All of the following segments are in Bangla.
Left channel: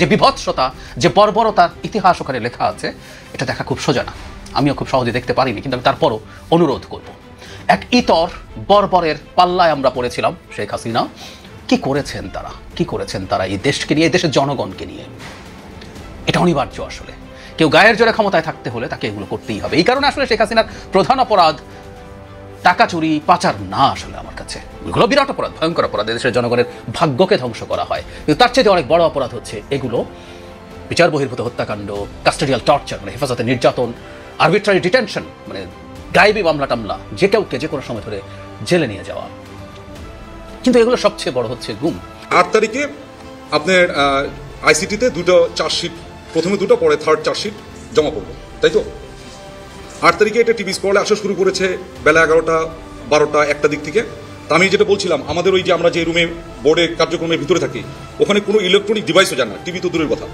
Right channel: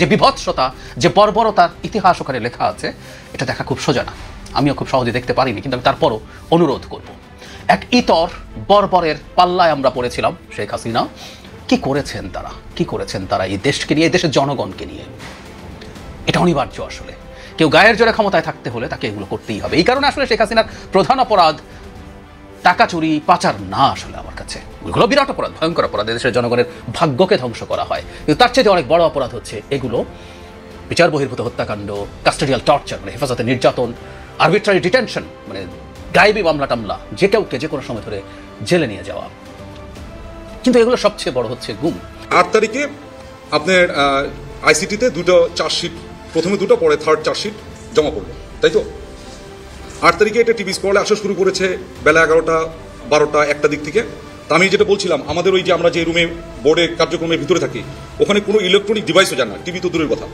যে বিভৎসতা, যে বর্বরতার ইতিহাস ওখানে লেখা আছে, এটা দেখা খুব সোজা না। আমিও খুব সহজে দেখতে পারিনি, কিন্তু আমি তারপরও অনুরোধ করব। এক ইতর বর্বরের পাল্লায় আমরা পড়েছিলাম। শেখ হাসিনা কি করেছেন তারা এই দেশকে নিয়ে, এই দেশের জনগণকে নিয়ে। এটা অনিবার্য। আসলে কেউ গায়ের জোরে ক্ষমতায় থাকতে হলে তাকে এগুলো করতেই হবে। এই কারণে আসলে শেখ হাসিনার প্রধান অপরাধ টাকা চুরি, পাচার না। আসলে আমার কাছে এগুলো বিরাট অপরাধ, ভয়ঙ্কর অপরাধ। দেশের জনগণের ভাগ্যকে ধ্বংস করা হয়। কিন্তু তার চেয়ে অনেক বড় অপরাধ হচ্ছে এগুলো বিচার বহির্ভূত হত্যাকাণ্ড, কাস্টোডিয়াল টর্চার, মানে হেফাজতে নির্যাতন, আরবিট্রারি ডিটেনশন, মানে গায়েবী মামলা টামলা, যে কাউকে যে কোনো সময় ধরে জেলে নিয়ে যাওয়া। কিন্তু এগুলো সবচেয়ে বড় হচ্ছে গুম। 8 তারিখে আপনার আইসিটিতে দুটো চার্জশিট, প্রথমে দুটো, পরে থার্ড চার্জশিট জমা পড়লো, তাই তো? 8 তারিখে এটা টিভি স্ক্রলে আসা শুরু করেছে বেলা 11টা 12টা 1টা দিক থেকে। তা আমি যেটা বলছিলাম, আমাদের ওই যে আমরা যে রুমে বোর্ডের কার্যক্রমের ভিতরে থাকি, ওখানে কোনো ইলেকট্রনিক ডিভাইসও যায় না, টিভি তো দূরের কথা।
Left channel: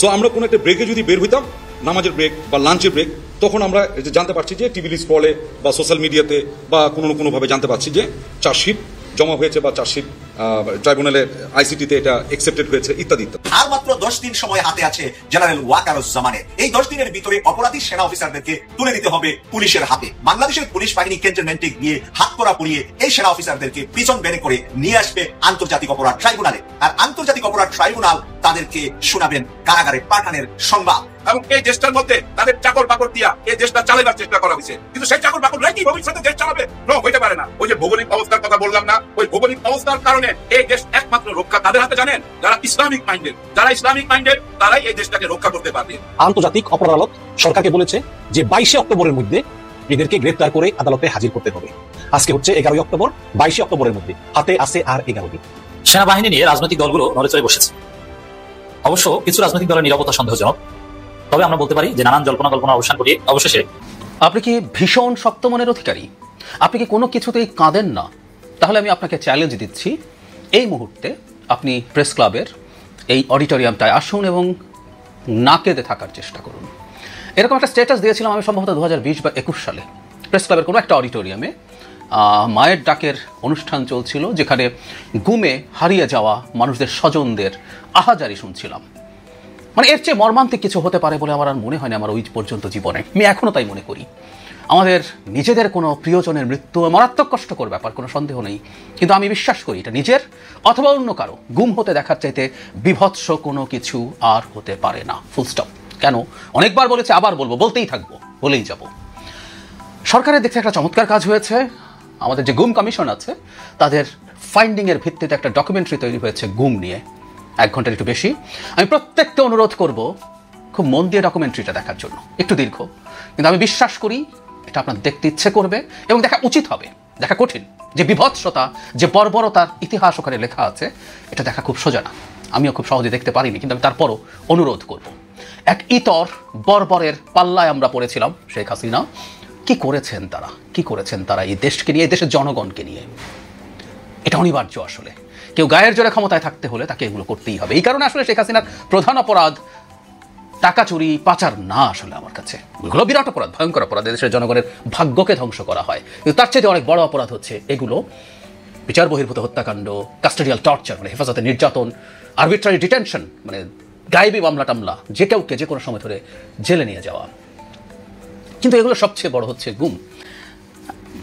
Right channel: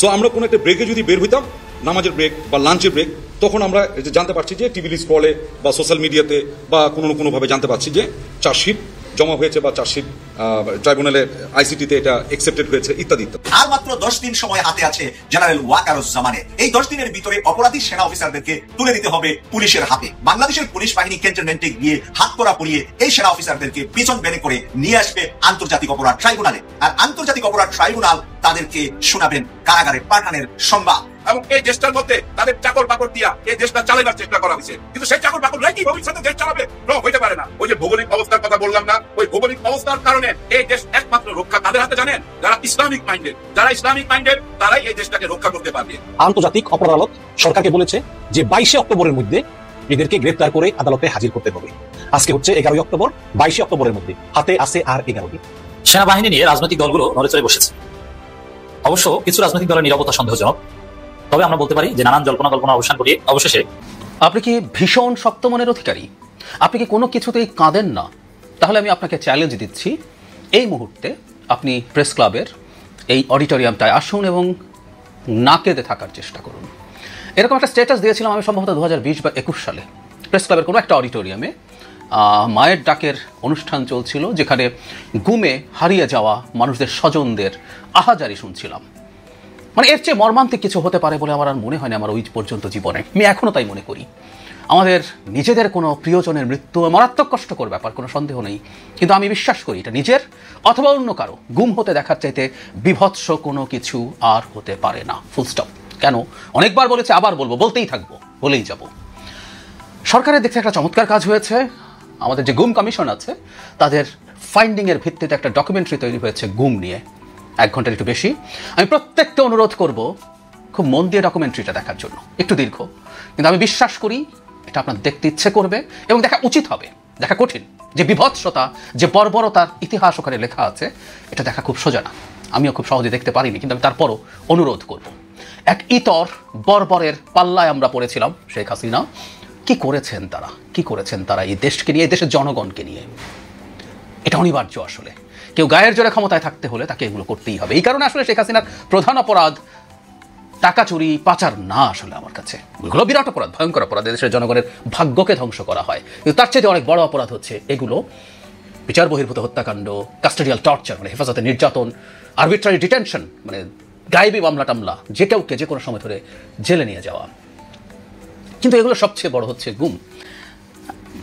সো আমরা কোনো একটা ব্রেকে যদি বের হইতাম, নামাজের ব্রেক বা লাঞ্চের ব্রেক, তখন আমরা জানতে পারছি যে টিভি স্ক্রলে বা সোশ্যাল মিডিয়াতে বা কোনোভাবে জানতে পারছি যে চার্জশিট জমা হয়েছে বা চার্জশিট ট্রাইব্যুনালের আইসিটিতে এটা অ্যাকসেপ্টেড হয়েছে ইত্যাদি ইত্যাদি। আর মাত্র 10 দিন সময় হাতে আছে জেনারেল ওয়াকারুজ্জামানের। এই 10 দিনের ভিতরে অপরাধী সেনা অফিসারদেরকে তুলে দিতে হবে পুলিশের হাতে। বাংলাদেশের পুলিশ বাহিনী ক্যান্টনমেন্টে গিয়ে হাত করা পরিয়ে এই সেনা অফিসারদেরকে পিছন বেনে করে নিয়ে আসবে আন্তর্জাতিক অপরাধ ট্রাইব্যুনালে। আর আন্তর্জাতিক অপরাধ ট্রাইব্যুনাল তাদেরকে শোনাবেন কারাগারে পাঠানোর সংবাদ। এবং এই দেশটার মধ্যে তাদের চাকর বাকর দিয়া এই দেশটা চালাবার চেষ্টা করা হয়েছে, কিন্তু সেই চাকর বাকর কি ভবিষ্যতে দেশ চালাবে? হইতে পারে না। ওই যে ভৌগোলিক অবস্থার কথা বললাম না, ওই ভৌগোলিক অবস্থার কারণে এই দেশ একমাত্র রক্ষা তাদের হাতে জানেন, যারা ইসলামিক মাইন্ডেড তারাই এই দেশটাকে রক্ষা করতে পারবে। আন্তর্জাতিক অপরাধ আদালত সরকারকে বলেছে যে 22 অক্টোবরের মধ্যে এদেরকে গ্রেফতার করে আদালতে হাজির করতে হবে। আজকে হচ্ছে 11 অক্টোবর, 22 অক্টোবরের মধ্যে হাতে আছে আর 11 দিন। সেনাবাহিনী নিয়ে রাজনৈতিক দলগুলো নড়েচড়ে বসেছে। অবশ্য কিছু রাজনৈতিক দলের নিরাপত্তা সন্দেহজনক, তবে আমরা বলতে পারি যে নানান কল্পনা অবসান করে অবশেষে। আপনি কি ভীষণ শক্ত মনের অধিকারী? আপনি কি কোনো কিছুতেই কাঁদেন না? তাহলে আমি আপনাকে চ্যালেঞ্জ দিচ্ছি, এই মুহূর্তে আপনি প্রেস ক্লাবের এই অডিটোরিয়ামটায় আসুন এবং না কেঁদে থাকার চেষ্টা করুন। এরকম একটা স্ট্যাটাস দিয়েছিলাম আমি সম্ভবত 2020 বা 21 সালে। প্রেস ক্লাবের কোনো একটা অডিটোরিয়ামে মায়ের ডাকের অনুষ্ঠান চলছিল, যেখানে গুমে হারিয়ে যাওয়া মানুষদের স্বজনদের আহাজারি শুনছিলাম। মানে এর চেয়ে মর্মান্তিক কিছু হতে পারে বলে আমার আর মনে হয়নি আমার ওই পর্যন্ত জীবনে। আমি এখনও তাই মনে করি। আমাদের নিজেদের কোনো প্রিয়জনের মৃত্যু মারাত্মক কষ্টকর ব্যাপার, কোনো সন্দেহ নেই, কিন্তু আমি বিশ্বাস করি এটা নিজের অথবা অন্য কারো গুম হতে দেখার চাইতে বিভৎস কোনো কিছু আর হতে পারে না। Full stop. কেন? অনেকবার বলেছে, আবার বলবো, বলতেই থাকবো, বলেই যাব। সরকারের দেখতে একটা চমৎকার কাজ হয়েছে। আমাদের যে গুম কমিশন আছে তাদের ফাইন্ডিং এর ভিত্তিতে একটা ডকুমেন্টারি তৈরি হয়েছে গুম নিয়ে, 1 ঘন্টার একটু বেশি। আমি প্রত্যেককে অনুরোধ করব খুব মন দিয়ে ডকুমেন্টারিটা দেখার জন্য। একটু দীর্ঘ, কিন্তু আমি বিশ্বাস করি এটা আপনার দেখতে ইচ্ছে করবে এবং দেখা উচিত হবে। দেখা কঠিন। যে বিভৎসতা, যে বর্বরতার ইতিহাস ওখানে লেখা আছে, এটা দেখা খুব সোজা না। আমিও খুব সহজে দেখতে পারিনি, কিন্তু আমি তারপরও অনুরোধ করব। এক ইতর বর্বরের পাল্লায় আমরা পড়েছিলাম। শেখ হাসিনা কি করেছেন তারা এই দেশকে নিয়ে, এই দেশের জনগণকে নিয়ে। এটা অনিবার্য। আসলে কেউ গায়ের জোরে ক্ষমতায় থাকতে হলে তাকে এগুলো করতেই হবে। এই কারণে আসলে শেখ হাসিনার প্রধান অপরাধ টাকা চুরি, পাচার না। আসলে আমার কাছে এগুলো বিরাট অপরাধ, ভয়ঙ্কর অপরাধ। দেশের জনগণের ভাগ্যকে ধ্বংস করা হয়। কিন্তু তার চেয়ে অনেক বড় অপরাধ হচ্ছে এগুলো বিচার বহির্ভূত হত্যাকাণ্ড, কাস্টোডিয়াল টর্চার, মানে হেফাজতে নির্যাতন, আরবিট্রারি ডিটেনশন, মানে গায়েবী মামলা টামলা, যে কাউকে যে কোনো সময় ধরে জেলে নিয়ে যাওয়া। কিন্তু এগুলো সবচেয়ে বড় হচ্ছে গুম।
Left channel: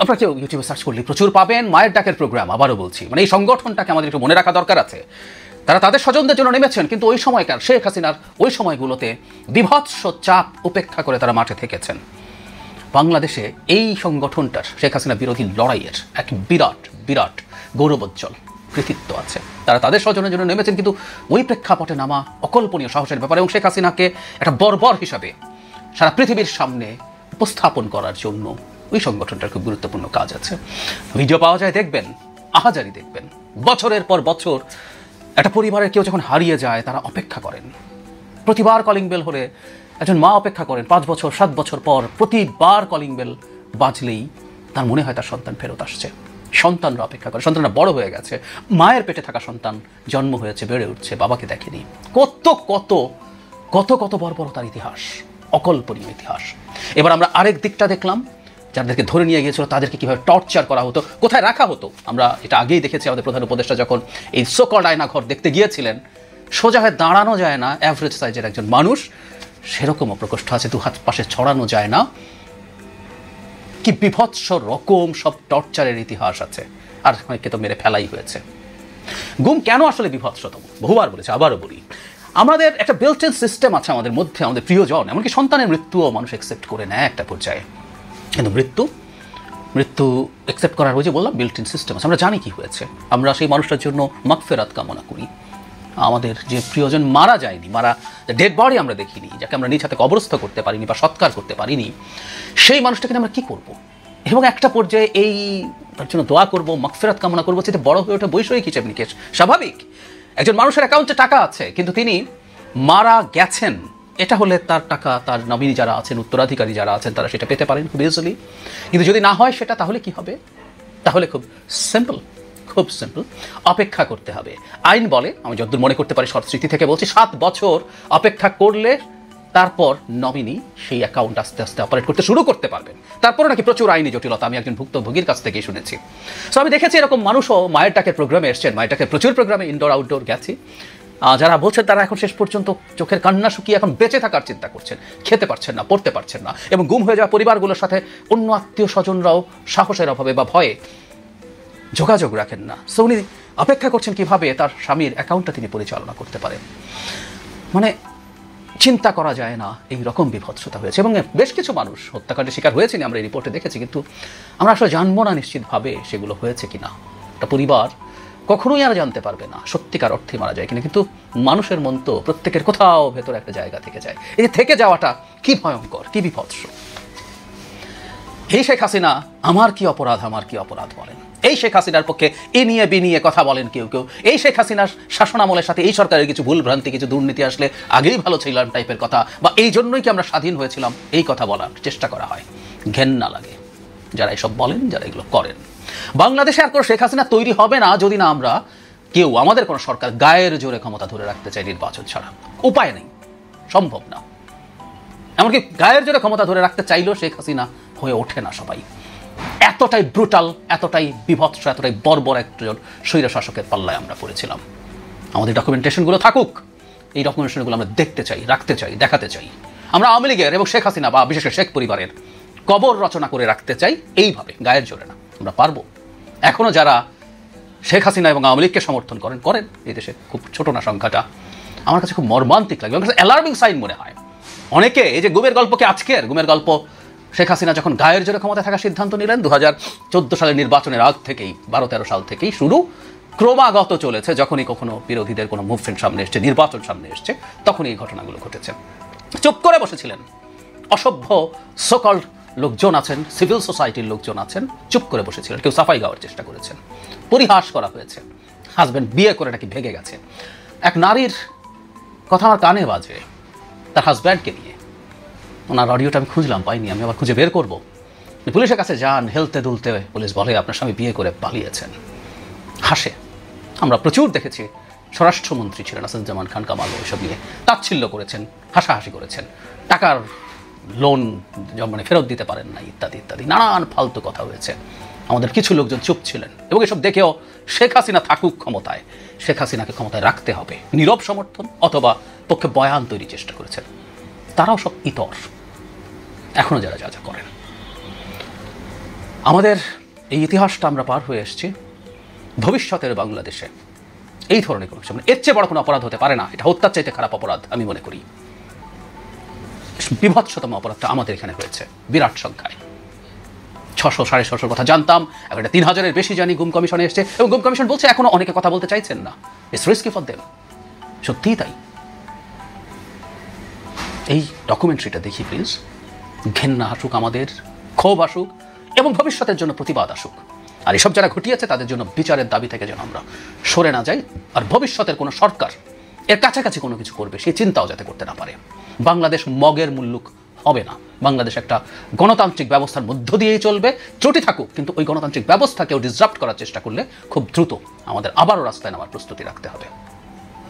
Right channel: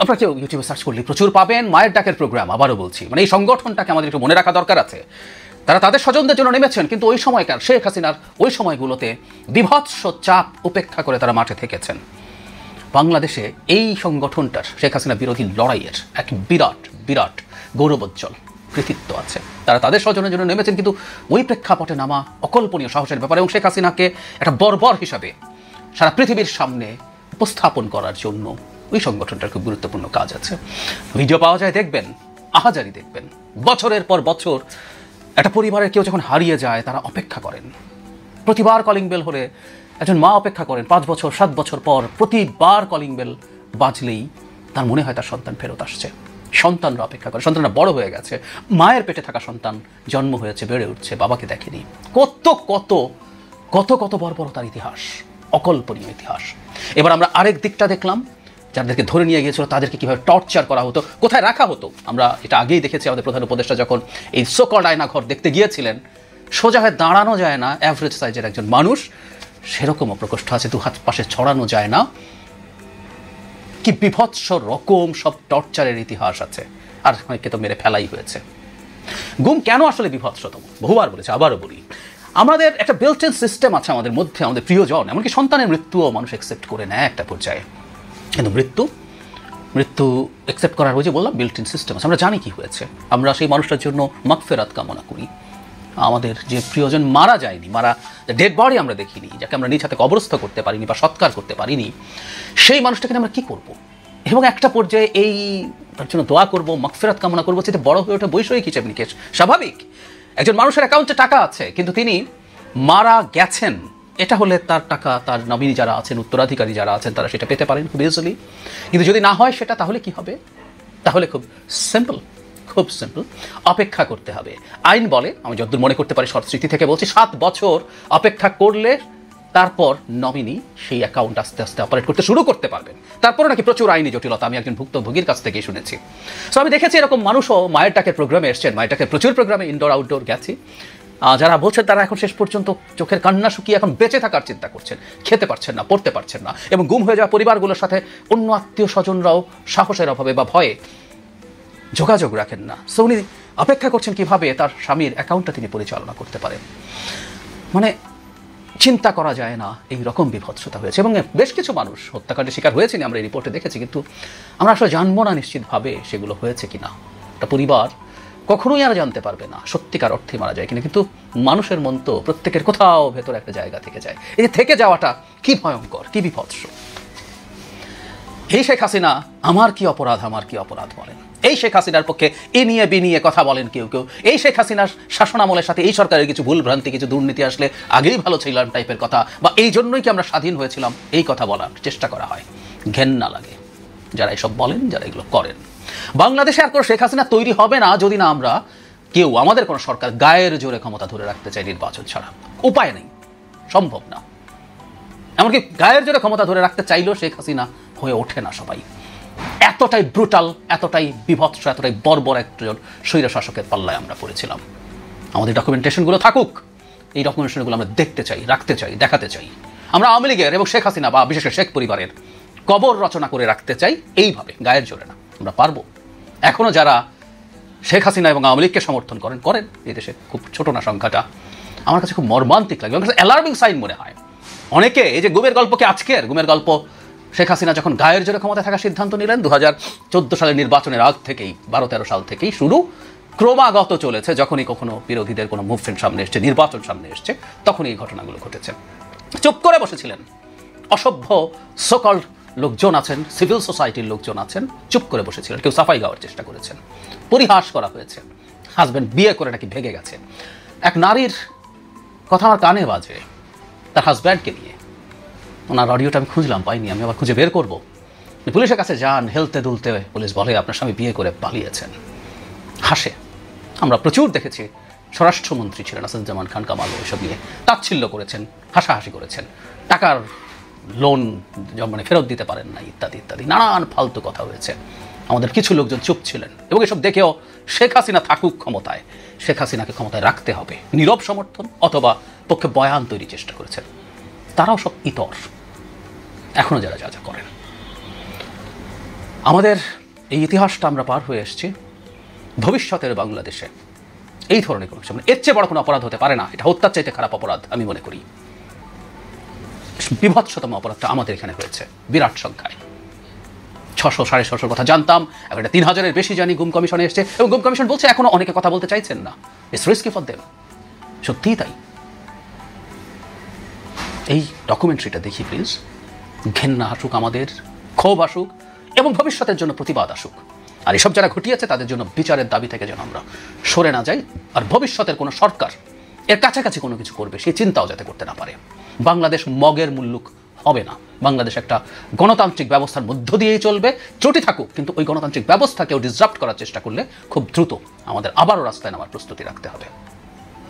আপনারা কেউ ইউটিউবে সার্চ করলে প্রচুর পাবেন মায়ের ডাকের প্রোগ্রাম। আবারও বলছি, মানে এই সংগঠনটাকে আমাদের একটু মনে রাখা দরকার আছে। তারা তাদের স্বজনদের জন্য নেমেছেন, কিন্তু ওই সময়কার শেখ হাসিনার ওই সময়গুলোতে বিভৎস চাপ উপেক্ষা করে তারা মাঠে থেকেছেন। বাংলাদেশে এই সংগঠনটার শেখ হাসিনা বিরোধী লড়াইয়ের এক বিরাট গৌরবোজ্জ্বল কৃতিত্ব আছে। তারা তাদের স্বজনের জন্য নেমেছেন, কিন্তু ওই প্রেক্ষাপটে নামা অকল্পনীয় সাহসের ব্যাপার। এবং শেখ হাসিনাকে একটা বর্বর হিসাবে সারা পৃথিবীর সামনে উপস্থাপন করার জন্য ওই সংগঠনটার খুব গুরুত্বপূর্ণ কাজ আছে। ভিডিও পাওয়া যায়, দেখবেন, আহাজারি দেখবেন। বছরের পর বছর একটা পরিবারের কেউ যখন হারিয়ে যায়, তারা অপেক্ষা করেন। প্রতিবার কলিং বেল হলে একজন মা অপেক্ষা করেন 5 বছর 7 বছর পর। প্রতিবার কলিং বেল বাজলেই তার মনে হয় তার সন্তান ফেরত আসছে। সন্তানরা অপেক্ষা করে, সন্তানরা বড় হয়ে গেছে, মায়ের পেটে থাকা সন্তান জন্ম হয়েছে, বেড়ে উঠছে, বাবাকে দেখেনি। কত কত কত কত বর্বরতার ইতিহাস, অকল্পনীয় ইতিহাস। এবার আমরা আরেক দিকটা দেখলাম, যাদেরকে ধরে নিয়ে গিয়েছিল তাদেরকে কিভাবে টর্চার করা হতো, কোথায় রাখা হতো। আমরা এটা আগেই দেখেছি, আমাদের প্রধান উপদেষ্টা যখন এই সোকল্ড আয়না ঘর দেখতে গিয়েছিলেন, সোজা হয়ে দাঁড়ানো যায় না অ্যাভারেজ সাইজের একজন মানুষ, সেরকমও প্রকোষ্ঠ আছে, দু হাত পাশে ছড়ানো যায় না। কি বিভৎস রকম সব টর্চারের ইতিহাস আছে, আর সবাইকে তো মেরে ফেলাই হয়েছে। গুম কেন আসলে বিভৎসতম বহুবার বলেছে, আবারও বলি, আমাদের একটা বিল্ট ইন সিস্টেম আছে আমাদের মধ্যে, আমাদের প্রিয়জন, এমনকি সন্তানের মৃত্যুও মানুষ অ্যাকসেপ্ট করে নেয় একটা পর্যায়ে, কিন্তু মৃত্যু অ্যাকসেপ্ট করার ওই যে বললাম বিল্ট ইন সিস্টেম আছে। আমরা জানি কি হয়েছে, আমরা সেই মানুষটার জন্য মাগফিরাত কামনা করি। আমাদের যে প্রিয়জন মারা যায়নি, ডেড বডি আমরা দেখিনি, যাকে আমরা নিজ হাতে কবরস্থ করতে পারিনি বা সৎকার করতে পারিনি, সেই মানুষটাকে আমরা কি করব? এবং একটা পর্যায়ে এই তার জন্য দোয়া করব, মাগফিরাত কামনা করবো, সেটা বড় হয়ে ওঠা বৈষয়িক হিসেবে নিকেশ স্বাভাবিক। একজন মানুষের অ্যাকাউন্টে টাকা আছে কিন্তু তিনি মারা গেছেন, এটা হলে তার টাকা, তার নমিনি যারা আছেন, উত্তরাধিকারী যারা আছেন, তারা সেটা পেতে পারেন খুব ইজিলি। কিন্তু যদি না হয় সেটা, তাহলে কি হবে? তাহলে খুব সিম্পল, অপেক্ষা করতে হবে। আইন বলে, আমি যতদূর মনে করতে পারি স্মৃতি থেকে বলছি, 7 বছর অপেক্ষা করলে তারপর নমিনি সেই অ্যাকাউন্ট আস্তে আস্তে অপারেট করতে শুরু করতে পারবেন। তারপরে নাকি প্রচুর আইনি জটিলতা, আমি একজন ভুক্তভোগীর কাছ থেকে শুনেছি। তো আমি দেখেছি এরকম মানুষও মায়ের টাকের প্রোগ্রামে এসছেন, মায়ের টাকের প্রচুর প্রোগ্রামে ইনডোর আউটডোর গেছি, যারা বলছেন তারা এখন শেষ পর্যন্ত চোখের কান্না শুকিয়ে এখন বেঁচে থাকার চিন্তা করছেন, খেতে পারছেন না, পড়তে পারছেন না, এবং গুম হয়ে যাওয়া পরিবারগুলোর সাথে অন্য আত্মীয় স্বজনরাও সাহসের অভাবে বা ভয়ে যোগাযোগ রাখেন না। সো উনি অপেক্ষা করছেন কিভাবে তার স্বামীর অ্যাকাউন্টটা তিনি পরিচালনা করতে পারেন। মানে চিন্তা করা যায় না, এই রকম বিভৎসতা হয়েছে। এবং বেশ কিছু মানুষ হত্যাকাণ্ডের শিকার হয়েছেন, আমরা এই রিপোর্টে দেখেছি, কিন্তু আমরা আসলে জানবো না নিশ্চিতভাবে সেগুলো হয়েছে কিনা। একটা পরিবার কখনোই আর জানতে পারবে না সত্যিকার অর্থে মারা যায় কিনা, কিন্তু মানুষের মন তো প্রত্যেকের কোথাও ভেতরে একটা জায়গা থেকে যায়। এই থেকে যাওয়াটা কি ভয়ঙ্কর, কি বিভৎস। এই শেখ হাসিনা আমার কি অপরাধ বলেন, এই শেখ হাসিনার পক্ষে এ নিয়ে বিনিয়ে কথা বলেন কেউ কেউ। এই শেখ হাসিনার শাসনামলের সাথে এই সরকারের কিছু ভুল ভ্রান্তি, কিছু দুর্নীতি আসলে আগেই ভালো ছিলাম টাইপের কথা, বা এই জন্যই কি আমরা স্বাধীন হয়েছিলাম, এই কথা বলার চেষ্টা করা হয়। ঘেন্না লাগে যারা এসব বলেন, যারা এগুলো করেন। বাংলাদেশে আর কোনো শেখ হাসিনা তৈরি হবে না যদি না আমরা কেউ, আমাদের কোনো সরকার গায়ের জোরে ক্ষমতা ধরে রাখতে চাই নির্বাচন ছাড়া। উপায় নেই, সম্ভব না। এমনকি গায়ের জোরে ক্ষমতা ধরে রাখতে চাইলেও শেখ হাসিনা হয়ে ওঠে না সবাই। এতটাই ব্রুটাল, এতটাই বিভৎস, এতটাই বর্বর একজন স্বৈর শাসকের পাল্লায় আমরা পড়েছিলাম। আমাদের ডকুমেন্টেশনগুলো থাকুক, এই ডকুমেন্টেশনগুলো আমরা দেখতে চাই, রাখতে চাই, দেখাতে চাই। আমরা আওয়ামী লীগের এবং শেখ হাসিনা বা বিশেষ করে শেখ পরিবারের কবর রচনা করে রাখতে চাই এইভাবে, গায়ের জোরে না। আমরা পারবো। এখনো যারা শেখ হাসিনা এবং আওয়ামী লীগকে সমর্থন করেন এই দেশে খুব ছোট না সংখ্যাটা, আমার কাছে খুব মর্মান্তিক লাগে, আমার কাছে অ্যালার্মিং সাইন মনে হয়। অনেকে এই যে গুমের গল্পকে, আজকের গুমের গল্প, শেখ হাসিনা যখন গায়ের জোরে ক্ষমতা থাকার সিদ্ধান্ত নিলেন 2014 সালের নির্বাচনের আগ থেকেই, 12-13 সাল থেকেই শুরু, ক্রমাগত চলেছে। যখনই কখনো বিরোধীদের কোনো মুভমেন্ট সামনে এসছে, নির্বাচন সামনে এসছে, তখনই এই ঘটনাগুলো ঘটেছে। চুপ করে বসেছিলেন অসভ্য সকল লোকজন আছেন, সিভিল সোসাইটির লোকজন আছেন, চুপ করে বসেছিলেন। কেউ সাফাই গাওয়ার চেষ্টা করেছেন, পরিহাস করা হয়েছে। হাজবেন্ড বিয়ে করে নাকি ভেঙে গেছে। এক নারীর কথা আমার কানে বাজে, তার হাজবেন্ডকে খুঁজে বের করবো, পুলিশের কাছে যান, হেলতে ধরতে পুলিশ বলে আপনার স্বামী বিয়ে করে পালিয়েছেন। হাসে। আমরা প্রচুর দেখেছি, স্বরাষ্ট্রমন্ত্রী ছিলেন আসাদুজ্জামান খান কামাল, ওইসব নিয়ে তাচ্ছিল্য করেছেন, হাসাহাসি করেছেন, টাকার লোন মানে ফেরত দিতে পারেন না, ইত্যাদি ইত্যাদি নানান ফালতু কথা হয়েছে। আমাদের কিছু লোকজন চুপ ছিলেন এবং এসব দেখেও শেখ হাসিনা থাকুক ক্ষমতায়, শেখ হাসিনাকে ক্ষমতায় রাখতে হবে, নীরব সমর্থন অথবা পক্ষে বয়ান তৈরি চেষ্টা করেছেন। তারাও সব ইতর, এখনো যারা যা যা করেন। আমাদের এই ইতিহাসটা আমরা পার হয়ে এসেছি। ভবিষ্যতের বাংলাদেশে এই ধরনের কোনো কিছু, এর চেয়ে বড় কোনো অপরাধ হতে পারে না। এটা হত্যার চাইতে খারাপ অপরাধ আমি মনে করি। বিভৎসতম অপরাধটা আমাদের এখানে হয়েছে বিরাট সংখ্যায়। 600-650 কথা জানতাম, এখন 3000-এর বেশি জানি। গুম কমিশনে এসছে এবং গুম কমিশন বলছে এখনো অনেকে কথা বলতে চাইছেন না। It's risky for them. সত্যিই তাই। এই ডকুমেন্টারিটা দেখি প্লিজ, ঘেন্না আসুক, আমাদের ক্ষোভ আসুক এবং ভবিষ্যতের জন্য প্রতিবাদ আসুক। আর এসব যারা ঘটিয়েছে তাদের জন্য বিচারের দাবি থেকে যেন আমরা সরে না যাই, আর ভবিষ্যতের কোনো সরকার এর কাছাকাছি কোনো কিছু করবে সেই চিন্তাও যাতে করতে না পারে। বাংলাদেশ মগের মুল্লুক হবে না। বাংলাদেশ একটা গণতান্ত্রিক ব্যবস্থার মধ্য দিয়েই চলবে, ত্রুটি থাকুক, কিন্তু ওই গণতান্ত্রিক ব্যবস্থাকেও ডিসরাপ্ট করার চেষ্টা করলে খুব দ্রুত আমাদের আবারও রাস্তায় নামার প্রস্তুতি রাখতে হবে।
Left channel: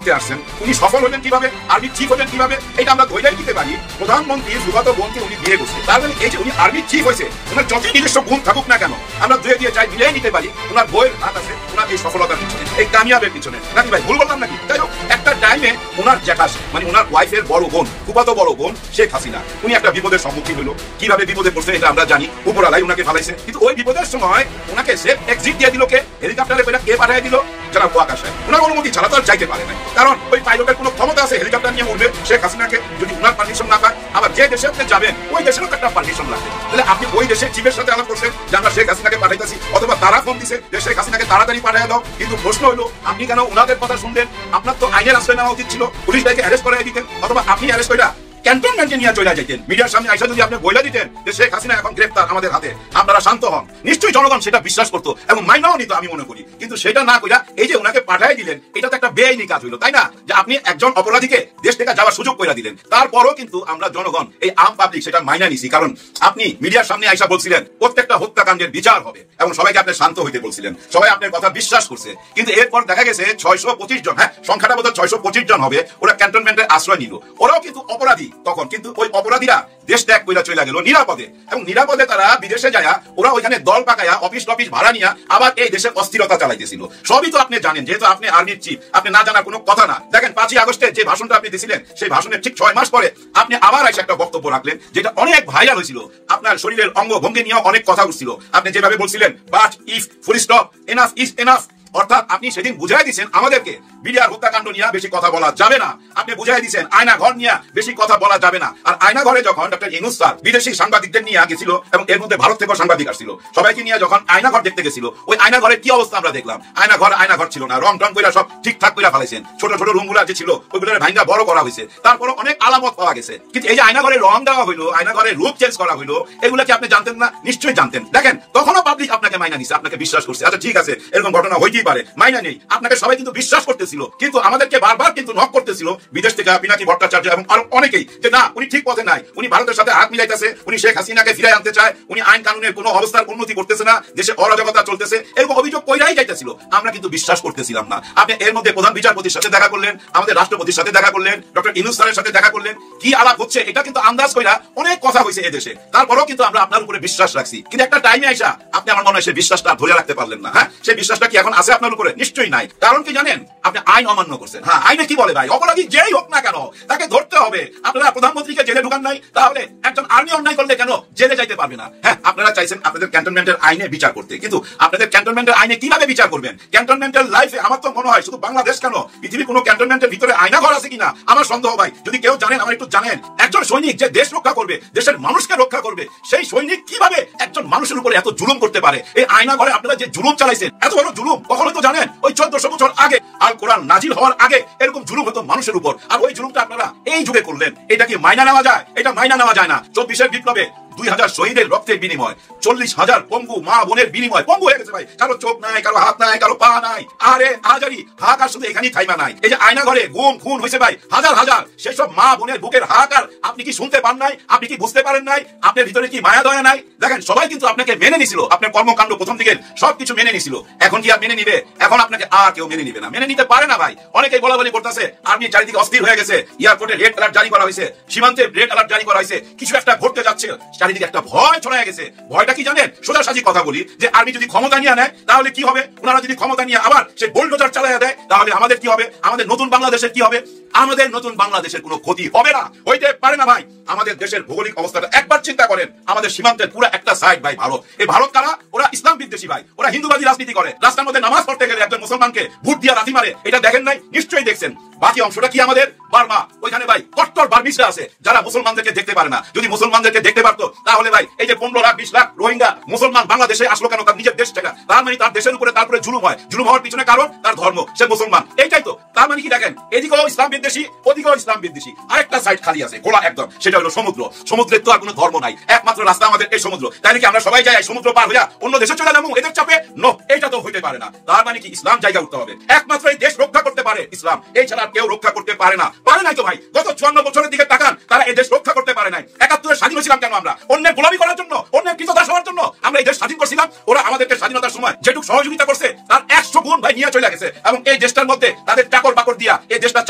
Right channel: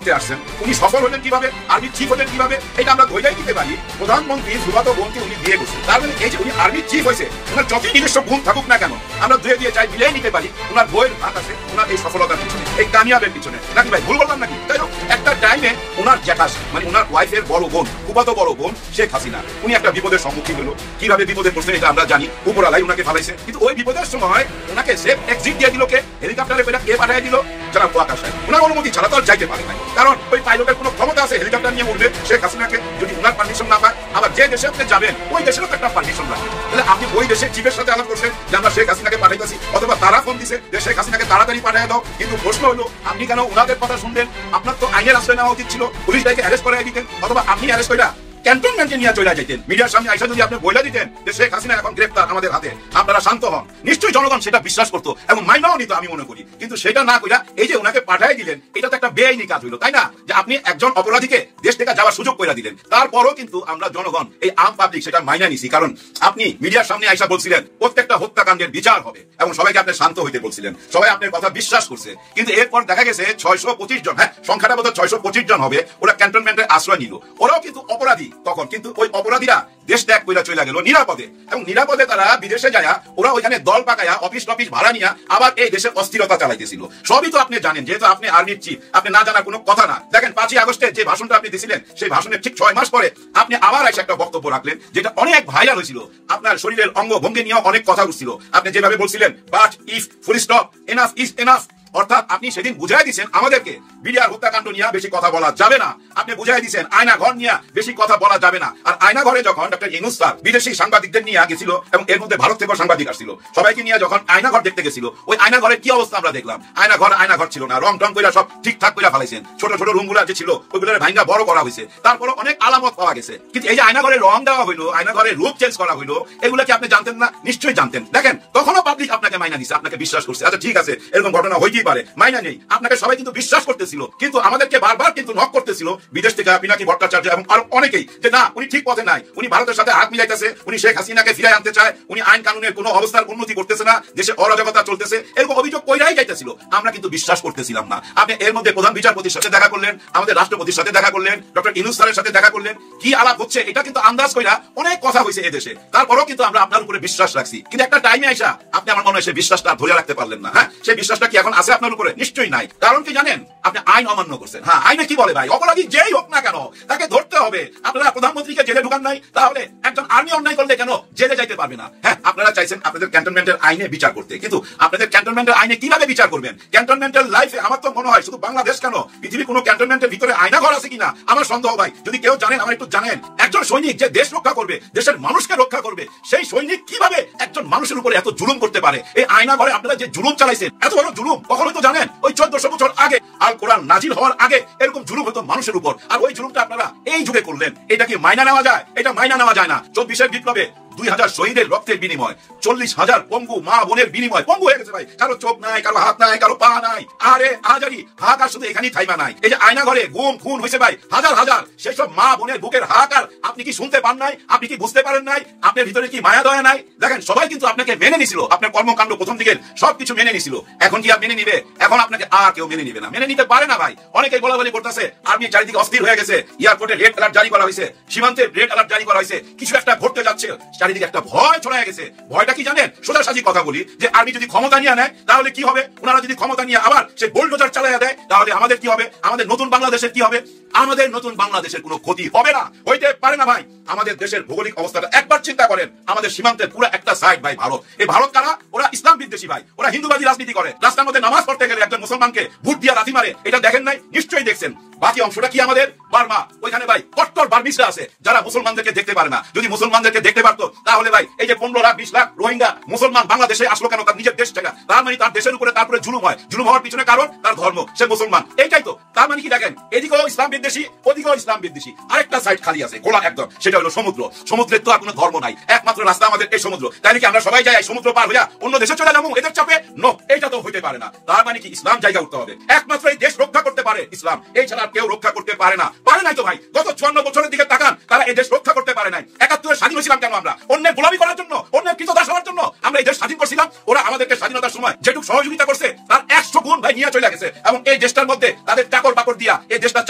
আসছেন, উনি সফল হলেন কিভাবে, আর্মি চিফ হলেন কিভাবে, এটা আমরা ধৈর্য দিতে পারি। প্রধানমন্ত্রী সুভাষচন্দ্র বোসকে উনি বিয়ে করছেন, তার মানে এই যে উনি আর্মি চিফ হয়েছে, ওনার যত নিজস্ব গুণ থাকুক না কেন আমরা ধুয়ে দিয়ে চাই মিলিয়ে নিতে পারি ওনার বইয়ের হাত আছে ওনার এই সফলতার পিছনে, এই কামিয়াবের পিছনে। নাকি ভাই ভুল বললাম নাকি? তাই একটা টাইমে ওনার জ্যাঠাস মানে ওনার ওয়াইফের বড় বোন, ফুফাতো বড় বোন শেখ হাসিনা, উনি একটা বিপদের সম্মুখীন হলো। কিভাবে বিপদে পড়ছে এটা আমরা জানি, উপরালাই উনাকে ফালাইছে। কিন্তু ওই বিপদের সময় ওনাকে সেফ এক্সিট দিয়ে দিল কে? হেলিকপ্টারে করে কে পাঠিয়ে দিল? যারা আকাশে ওনার অনুমতি ছাড়া তো আর চাইতে পারে না, কারণ ওই পাইলটের কোনো ক্ষমতা আছে হেলিকপ্টার নিয়ে উঠবে শেখ হাসিনাকে যদি ওনার পারমিশন না পায়। আবার যে দেশে আপনি যাবে ওই দেশেরও একটা পারমিশন লাগবে। তাহলে আপনি ওই দেশের চিফের সাথে আলাপ করছেন যে আমরা শেখ হাসিনাকে পাঠাইতেছি, অথবা তারা ফোন দিছে যে শেখ হাসিনাকে তাড়াতাড়ি পাঠিয়ে দাও। কিন্তু প্রশ্ন হলো আপনি কেন ওনাদের কথা শুনলেন? আপনার তো আইনের আশ্রয় নেওয়া উচিত ছিল, পুলিশ তাকে অ্যারেস্ট করে দিতেন, অথবা আপনি অ্যারেস্ট করে ক্যান্টনমেন্টে নিয়ে চলে যেতেন। মিডিয়ার সামনে আইসা যদি আপনি বলে দিতেন যে শেখ হাসিনা এখন গ্রেফতার আমাদের হাতে, আপনারা শান্ত হন, নিশ্চয়ই জনগণ সেটা বিশ্বাস করতো এবং মাইনাও নিত আমি মনে করি। কিন্তু সেটা না করে এই যে ওনাকে পাঠিয়ে দিলেন, এটা তো একটা বেআইনি কাজ হইলো, তাই না? যে আপনি একজন অপরাধীকে দেশ থেকে যাওয়ার সুযোগ করে দিলেন। তারপরও কিন্তু আমরা জনগণ এই আম পাবলিক সেটা মাইনা নিছি, কারণ আপনি মিডিয়ার সামনে আইসা বলছিলেন প্রত্যেকটা হত্যাকাণ্ডের বিচার হবে এবং সবাইকে আপনি শান্ত হইতে বলছিলেন, সবাই আপনার কথা বিশ্বাস করছে। কিন্তু এরপর দেখা গেছে 625 জন, হ্যাঁ সংখ্যাটা বোধহয় 625 জন হবে, ওরা ক্যান্টনমেন্টের আশ্রয় নিল। ওরাও কিন্তু অপরাধী তখন, কিন্তু ওই অপরাধীরা দেশ ত্যাগ করে চলে গেল নিরাপদে, এবং নিরাপদে তারা বিদেশে যায় ওরা ওইখানে দল পাকায়া অফিস টফিস ভাড়া নিয়ে আবার এই দেশের অস্থিরতা চালাইতেছিল। সবই তো আপনি জানেন, যেহেতু আপনি আর্মির চিফ, আপনি না জানার কোনো কথা না। দেখেন 5ই আগস্টে যে ভাষণটা আপনি দিয়েছিলেন, সেই ভাষণের ঠিক 6 মাস পরে আপনি আবার এসে একটা বক্তব্য রাখলেন যেটা অনেক ভাইরাল হয়েছিল। আপনার শরীরের অঙ্গভঙ্গি নিয়ে অনেক কথা উঠছিল। আপনি যেভাবে বলছিলেন but if full stop enough is enough, অর্থাৎ আপনি সেদিন বুঝাই দিচ্ছেন আমাদেরকে বিডিআর হত্যাকাণ্ড নিয়ে বেশি কথা বলা যাবে না। আপনি বুঝাই দিচ্ছেন আয়না ঘর নিয়ে বেশি কথা বলা যাবে না। আর আয়না ঘরে যখন ডক্টর ইউনূস স্যার বিদেশি সাংবাদিকদের নিয়ে গেছিল, এবং এর মধ্যে ভারত থেকেও সাংবাদিক আসছিল, সবাইকে নিয়ে যখন আয়না ঘর দেখতে গেছিল, ওই আয়না ঘরের কি অবস্থা আমরা দেখলাম। আয়না ঘর ছিল না, রং টং করে সব ঠিকঠাক করে ফেলাইছেন। ছোট ছোট রুম গুলা যে ছিল ওইগুলোর ভাইঙ্গা বড় করা হয়েছে, তারপরও অনেক আলামত পাওয়া গেছে। কিন্তু এই যে আয়না ঘরের রং দেওয়া হইলো, আয়না ঘরের রূপ চেঞ্জ করা হইলো, এগুলো কি আপনি জানতেন না? নিশ্চয়ই জানতেন। দেখেন তখনও পাবলিক আপনাকে মাইনা নিছে, আপনাকে বিশ্বাস করছে। আচ্ছা ঠিক আছে, এরকম ঘটনা হইতেই পারে, মাইনা নেই, আপনাকে সবাই কিন্তু বিশ্বাস করতেছিল, কিন্তু আমাদেরকে বারবার কিন্তু নক করতেছিল বিদেশ থেকে পিনাকি ভট্টাচার্য এবং আরো অনেকেই, যে না উনি ঠিক পথে নাই, উনি ভারতের সাথে হাত মিলাইতেছে, উনি শেখ হাসিনাকে ফিরে আনতে চায়, উনি আইন কানুনের কোনো অবস্থার উন্নতি করতেছে না, দেশে অরাজকতা চলতেছে, এরকম অভিযোগ কইরাই যাইতেছিল। আমরা কিন্তু বিশ্বাস করতেছিলাম না। আপনি এর মধ্যে প্রধান বিচারপতির সাথে দেখা করলেন, আমাদের রাষ্ট্রপতির সাথে দেখা করলেন, ডক্টর ইউনূস স্যারের সাথে দেখা করলেন, কি আলাপ হচ্ছে এটা কিন্তু আন্দাজ কইরা অনেক কথা হয়েছে এদেশে। তারপরেও কিন্তু আমরা আপনার উপরে বিশ্বাস রাখছি। কিন্তু একটা টাইমে আইসা আপনি আমার মনে হয় সেই বিশ্বাসটা ধরে রাখতে পারলেন না। হ্যাঁ, সেই বিশ্বাসটা কি এখন আছে আপনার উপরে? নিশ্চয়ই নাই। কারণ কি জানেন? আপনি আইন অমান্য করছেন। হ্যাঁ, আইনে কি বলে ভাই, অপরাধী যেই হোক না কেন তাকে ধরতে হবে। আপনারা প্রধানমন্ত্রীকে জেলে ঢুকান নাই, তাহলে একজন আর্মি অন্যায় করলে কেন জেলে যাইতে পারবে না? হ্যাঁ, আপনারা চাইছেন আপনাদের ক্যান্টনমেন্টের আইনে বিচার করতে, কিন্তু আপনাদের ক্যান্টনমেন্টের আইনে কিভাবে বিচার করবেন? ক্যান্টনমেন্টাল লাইফে আমার তো মনে হয় শুধু বাংলাদেশ কেন, পৃথিবীর কোনো ক্যান্টনমেন্টের ভিতরে আয়না ঘর আছে কিনা আমার সন্দেহ ভাই। যদি কেউ জানেন আমার একটু জানেন। একজন সৈনিক যে দেশ রক্ষা করবে, দেশের মানুষকে রক্ষা করবে, সেই সৈনিক কিভাবে একজন মানুষের উপরে এত জুলুম করতে পারে? এই আয়না ঘরে আপনারা যে জুলুম চালাইছেন, এত বড় জুলুম কখনো তো জানেন ওই 1400 বছর আগে আল কোরআন নাজিল হওয়ার আগে এরকম জুলুম হতো মানুষের উপর, আর ওই জুলুমটা আপনারা এই যুগে করলেন। এটা কি মাইনা নেওয়া যায়? এটা মাইনা নেওয়া যায় না। 24-এর বিপ্লবে 2000 শহীদের রক্তের বিনিময়, 40,000 পঙ্গু মা বোনের বিনিময়, পঙ্গু হয়ে গেছে ভাই, কারো চোখ নাই, কারো হাত নাই, কারো পা নাই। আরে আজারি হাহাকার শুধু এখানেই থাইমা নাই। এই যে আয়না ঘরে গুম খুন হয়েছে ভাই হাজার হাজার, সেই সব মা বোনের বুকের হাহাকার আপনি কি শুনতে পান নাই? আপনি কি বুঝতে পারেন নাই? আপনার ভিতরে কি মায়া দয়া নাই? দেখেন সবাই কিন্তু আপনাকে মেনে নিছিল, আপনার কর্মকাণ্ড প্রথম দিকে সবকিছু মেনে নিছিল। এখন কি আর মেনে নিবে? এখন আপনাকে আর কেউ মেনে নিবে না, মেনে নিতে পারে না ভাই। অনেকেই বলাবলি করতেছে আর্মি চারিদিকে অস্থির হয়ে গেছে, এয়ারপোর্টে রেড অ্যালার্ট জারি করা হয়েছে, সীমান্তে রেড অ্যালার্ট জারি করা হয়েছে, কিছু একটা ঘটতে যাচ্ছে, চারিদিকে একটা ভয় ছড়ায় গেছে। ভয়টা কি জানেন? সোজাসাজি কথা বলি, যে আর্মি যদি ক্ষমতা নিয়ে নেয় তাহলে কি হবে? ওনারা যদি ক্ষমতা নিয়ে আবার সে বুলডোজার চালাইয়া দেয় তাহলে আমাদের কি হবে? আমাদের নতুন বাংলাদেশের কি হবে? আমাদের নতুন বাংলাদেশের কোনো ক্ষতি হবে না, হইতে পারে না ভাই। আমাদের দেশের ভৌগোলিক অবস্থাটা একবার চিন্তা করেন। আমাদের সীমান্তের পুরো একটা সাইড ভাই ভারত। এই ভারত কারা? ওরা ইসলাম বিদ্বেষী ভাই, ওরা হিন্দুবাদী রাজনীতি করে। রাস্তার মধ্যে নামাজ পড়তে গেলে একজন মুসলমানকে ভোট দিয়ে লাথি মারে, এটা দেখেন নাই? নিশ্চয়ই দেখছেন। বাকি অংশটা কি আমাদের? বার্মা, ওইখানে ভাই কট্টর বার্মিসরা আছে যারা মুসলমানদেরকে দেখতে পারে না। যদি মুসলমানদেরকে দেখতে পারতো তাহলে ভাই এই যে 15 লাখ 20 লাখ রোহিঙ্গা মুসলমান বাংলাদেশে আসলো কেন? তার নিজের দেশ থেকে। তার মানে তার দেশের উপরে তারপরে জুলুম হয়। জুলুম হওয়ার পিছনে কারণ তার ধর্ম, সে মুসলমান, এইটাই তো। তার মানে কি দেখেন, এদিকেও ইসলাম বিদ্বেষী, ওদিকেও ইসলাম বিদ্বেষী, আরেকটা সাইড খালি আছে খোলা একদম, সেটা হলো সমুদ্র। সমুদ্রের তো আর কোনো ধর্ম নাই, একমাত্র রাস্তা আমাদের এই সমুদ্র। তাই কি আমরা সবাই যাই সমুদ্র পার হইয়া অন্য দেশে চলে যাবো এদের চাপে? নো, এইটা তো হইতে পারে না। তার মানে কি ইসলাম জায়গা করতে হবে, একমাত্র এই দেশ রক্ষা করতে পারে ইসলাম, এই ছাড়া কেউ রক্ষা করতে পারে না। পারে নাই তো ভাই, গত 54 বছরের দিকে তাকান, তারা এই দেশ রক্ষা করতে পারে নাই। 71-এ স্বাধীন হয়েছিলাম কেন আমরা? অন্যের গোলামি করার জন্য, অন্যের কৃতদাস হওয়ার জন্য আমরা এই দেশ স্বাধীন করছিলাম। ওরা আমাদেরকে স্বাধীনতার সময় যেটুকু সহযোগিতা করছে তার 100 গুণ ভাই নিয়ে চলে গেছে, এবং এই দেশটার মধ্যে তাদের চাকর বাকর দিয়া এই দেশটা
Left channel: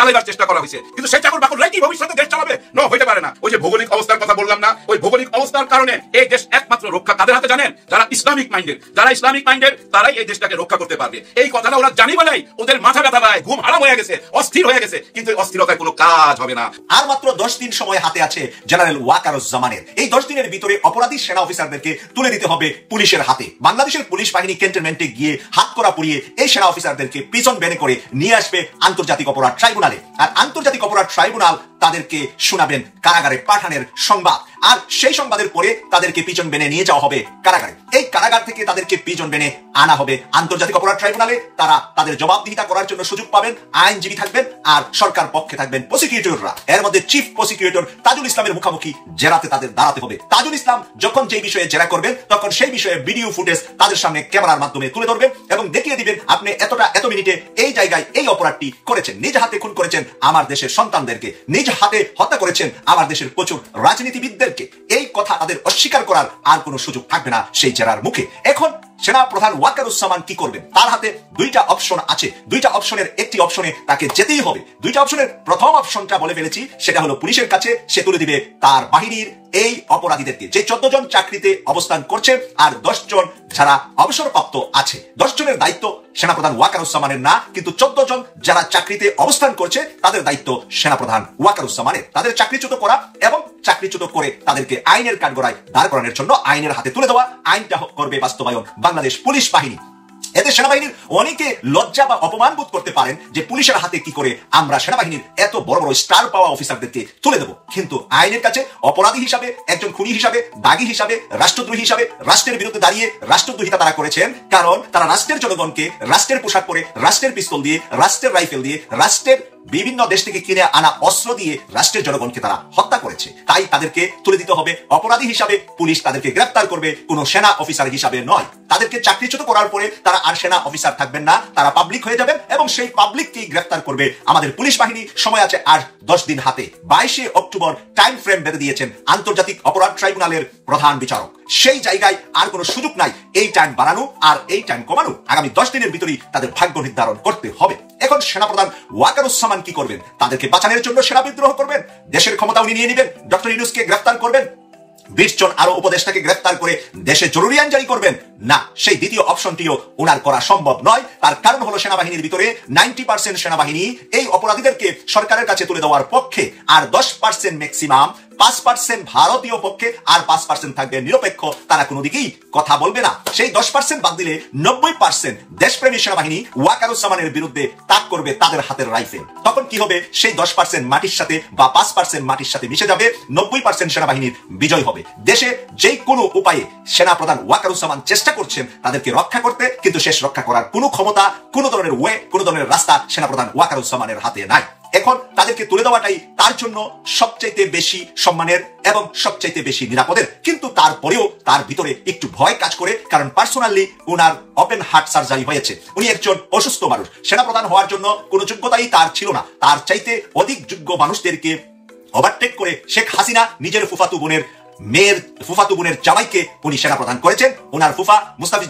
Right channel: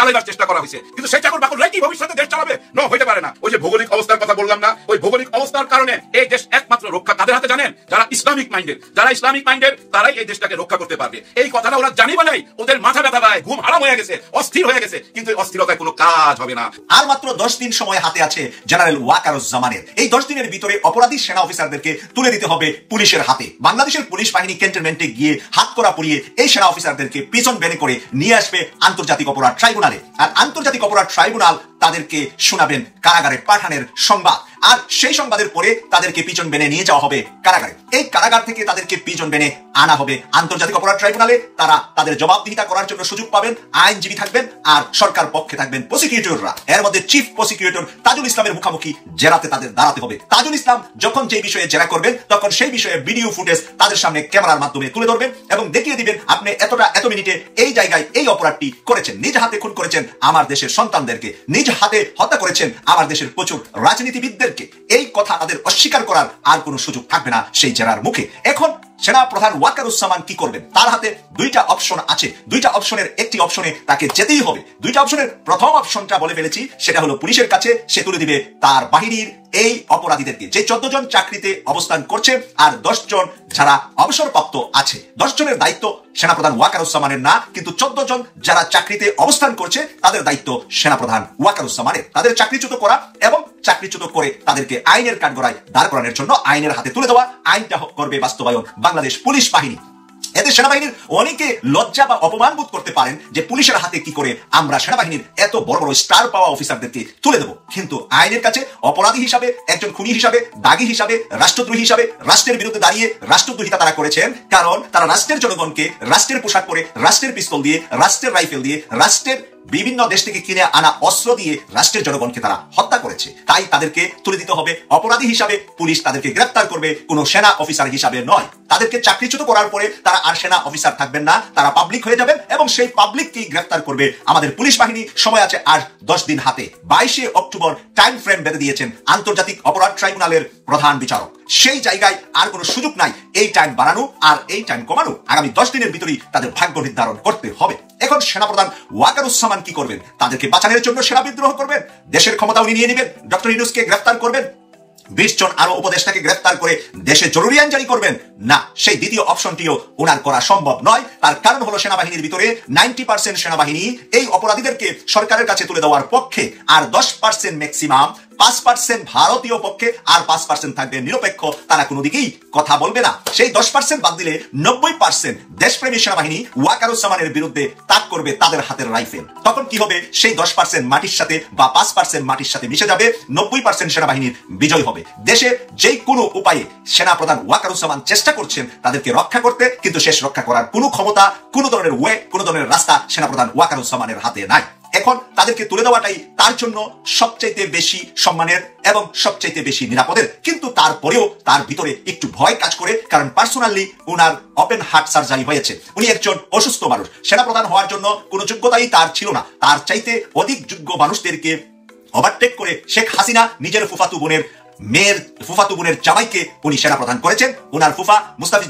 হয়েছে, কিন্তু সেই চাকর বাকররাই কি ভবিষ্যতে দেশ চালাবে? নো, হইতে পারে না। ওই যে ভৌগোলিক অবস্থার কথা বললাম না, ওই ভৌগোলিক অবস্থার কারণে এই দেশ একমাত্র রক্ষা তাদের হাতে জানেন যারা ইসলামিক মাইন্ডের। যারা ইসলামিক মাইন্ডের তারাই এই দেশটাকে রক্ষা করতে পারবে। এই কথাটা ওরা জানি বলেই ওদের মাথা ব্যথা নাই, ঘুম হারাম হয়ে গেছে, অস্থির হয়ে গেছে, কিন্তু এই অস্থিরতায় কোনো কাজ হবে না। আর মাত্র 10 দিন সময় হাতে আছে জেনারেল ওয়াকারুজ্জামানের। এই 10 দিনের ভিতরে অপরাধী সেনা অফিসারদেরকে তুলে দিতে হবে পুলিশের হাতে। বাংলাদেশের পুলিশ বাহিনী ক্যান্টনমেন্টে গিয়ে হাত করা পরিয়ে এই সেনা অফিসারদেরকে প্রিজন ভ্যানে করে নিয়ে আসবে আন্তর্জাতিক অপরাধ ট্রাইব্যুনালে। আর আন্তর্জাতিক অপরাধ ট্রাইব্যুনাল তাদেরকে শোনাবেন কারাগারে পাঠানোর সংবাদ। আর সেই সংবাদের পরে তাদেরকে পিছন বেনে নিয়ে যাওয়া হবে কারাগারে। এই কারাগার থেকে তাদেরকে পিছন বেনে আনা হবে আন্তর্জাতিক অপরাধ ট্রাইব্যুনালে। তারা তাদের জবাবদিহিতা করার জন্য সুযোগ পাবেন, আইনজীবী থাকবেন, আর সরকার পক্ষে থাকবেন প্রসিকিউটররা। এর মধ্যে চিফ প্রসিকিউটর তাজুল ইসলামের মুখোমুখি জেরাতে তাদের দাঁড়াতে হবে। তাজুল ইসলাম যখন যে বিষয়ে জেরা করবেন তখন সেই বিষয়ে ভিডিও ফুটেজ তাদের সামনে ক্যামেরার মাধ্যমে তুলে ধরবেন এবং দেখিয়ে দিবেন আপনি এত মিনিটে এই জায়গায় এই অপরাধটি করেছেন, নিজ হাতে খুন করেছেন আমার দেশের সন্তানদেরকে, নিজ হাতে হত্যা করেছেন আমার দেশের প্রচুর রাজনীতিবিদদেরকে। এই কথা তাদের অস্বীকার করার আর কোনো সুযোগ থাকবে না সেই জেরার মুখে। এখন সেনা প্রধান ওয়াকারুজ্জামান কি করবেন? তার হাতে দুইটা অপশন আছে। দুইটা অপশনের একটি অপশনে তাকে যেতেই হবে। দুইটা অপশনের প্রথম অপশনটা বলে ফেলেছি, সেটা হলো পুলিশের কাছে সে তুলে দিবে তার বাহিনীর এই অপরাধীদেরকে, যে 14 জন চাকরিতে অবস্থান করছে আর 10 জন যারা অবসরপ্রাপ্ত আছে। 10 জনের দায়িত্ব সেনাপ্রধান ওয়াকারুজ্জামানের না, কিন্তু 14 জন যারা চাকরিতে অবস্থান করছে তাদের দায়িত্ব সেনাপ্রধান ওয়াকারুজ্জামানের। তাদের চাকরিচ্যুত করা এবং চাকরিচ্যুত করে তাদেরকে আইনের কাঠগড়ায় দাঁড় করানোর জন্য আইনের হাতে তুলে দেওয়া। আইনটা করবে বাস্তবায়ন বাংলাদেশ পুলিশ বাহিনী। এতে সেনাবাহিনীর অনেকে লজ্জা বা অপমান বোধ করতে পারেন যে পুলিশের হাতে কি করে আমরা সেনাবাহিনীর এত বড় বড় স্টার পাওয়া অফিসারদেরকে তুলে দেব। কিন্তু আইনের কাছে অপরাধী হিসাবে, একজন খুনি হিসাবে, দাগী হিসাবে, রাষ্ট্রদ্রোহী হিসাবে রাষ্ট্রের বিরুদ্ধে দাঁড়িয়ে রাষ্ট্রদ্রোহিতা তারা করেছেন। কারণ তারা রাষ্ট্রের জনগণকে রাষ্ট্রের পোশাক পরে, রাষ্ট্রের পিস্তল দিয়ে, রাষ্ট্রের রাইফেল দিয়ে, রাষ্ট্রের বিভিন্ন দেশ থেকে কিনে আনা অস্ত্র দিয়ে রাষ্ট্রের জনগণকে তারা হত্যা করেছে। তাই তাদেরকে তুলে দিতে হবে অপরাধী হিসাবে। পুলিশ তাদেরকে গ্রেফতার করবে, কোনো সেনা অফিসার হিসাবে নয়। তাদেরকে চাকরিচ্যুত করার পরে তারা আর সেনা অফিসার থাকবেন না, তারা পাবলিক হয়ে যাবেন এবং সেই পাবলিককেই গ্রেফতার করবে আমাদের পুলিশ বাহিনী। সময় আছে আর 10 দিন হাতে। 22 অক্টোবর টাইম ফ্রেম বেঁধে দিয়েছেন আন্তর্জাতিক অপরাধ ট্রাইব্যুনালের প্রধান বিচারক। সেই জায়গায় আর কোনো সুযোগ নাই এই টাইম বাড়ানো আর এই টাইম কমানো। আগামী 10 দিনের ভিতরেই তাদের ভাগ্য নির্ধারণ করতে হবে। এখন সেনাপ্রধান ওয়াকারুজ্জামান কি করবেন? তাদেরকে বাঁচানোর জন্য সেনা বিদ্রোহ করবেন, দেশের ক্ষমতা উনি নিয়ে নেবেন, ডক্টর ইউনূসকে গ্রেফতার করবেন, 20 জন আরো উপদেষ্টাকে গ্রেফতার করে দেশে জরুরি আইন জারি করবেন? না, সেই দ্বিতীয় অপশনটিও উনার করা সম্ভব নয়। তার কারণ হলো সেনাবাহিনীর ভিতরে 90% সেনাবাহিনী এই অপরাধীদেরকে সরকারের কাছে তুলে দেওয়ার পক্ষে, আর 10% ম্যাক্সিমাম 5% ভারতীয় পক্ষে, আর 5% থাকবে নিরপেক্ষ, তারা কোনো দিকেই কথা বলবে না। সেই 10% বাদ দিলে 90% দেশপ্রেমী সেনাবাহিনী ওয়াকারুজ্জামানের বিরুদ্ধে তাক করবে তাদের হাতের রাইফেল। তখন কি হবে? সেই 10% মাটির সাথে বা 5% মাটির সাথে মিশে যাবে, 90% সেনাবাহিনীর বিজয় হবে। দেশে যে কোনো উপায়ে সেনাপ্রধান ওয়াকারুজ্জামান চেষ্টা করছেন তাদেরকে রক্ষা করতে, কিন্তু শেষ রক্ষা করার কোনো ক্ষমতা, কোনো ধরনের ওয়ে, কোনো ধরনের রাস্তা সেনাপ্রধান ওয়াকারুজ্জামানের হাতে নাই। এখন তাদেরকে তুলে দেওয়াটাই তার জন্য সবচাইতে বেশি সম্মানের এবং সবচাইতে বেশি নিরাপদের। কিন্তু তারপরেও তার ভিতরে একটু ভয় কাজ করে, কারণ পার্সোনালি ওনার ওপেন হার্ট সার্জারি হয়েছে। উনি একজন অসুস্থ মানুষ। সেনাপ্রধান হওয়ার জন্য কোনো যোগ্যতাই তার ছিল না। তার চাইতে অধিক যোগ্য মানুষদেরকে ওভারটেক করে শেখ হাসিনা নিজের ফুফাতু বোনের জামাইকে উনি সেনাপ্রধান করেছেন। ওনার ফুফা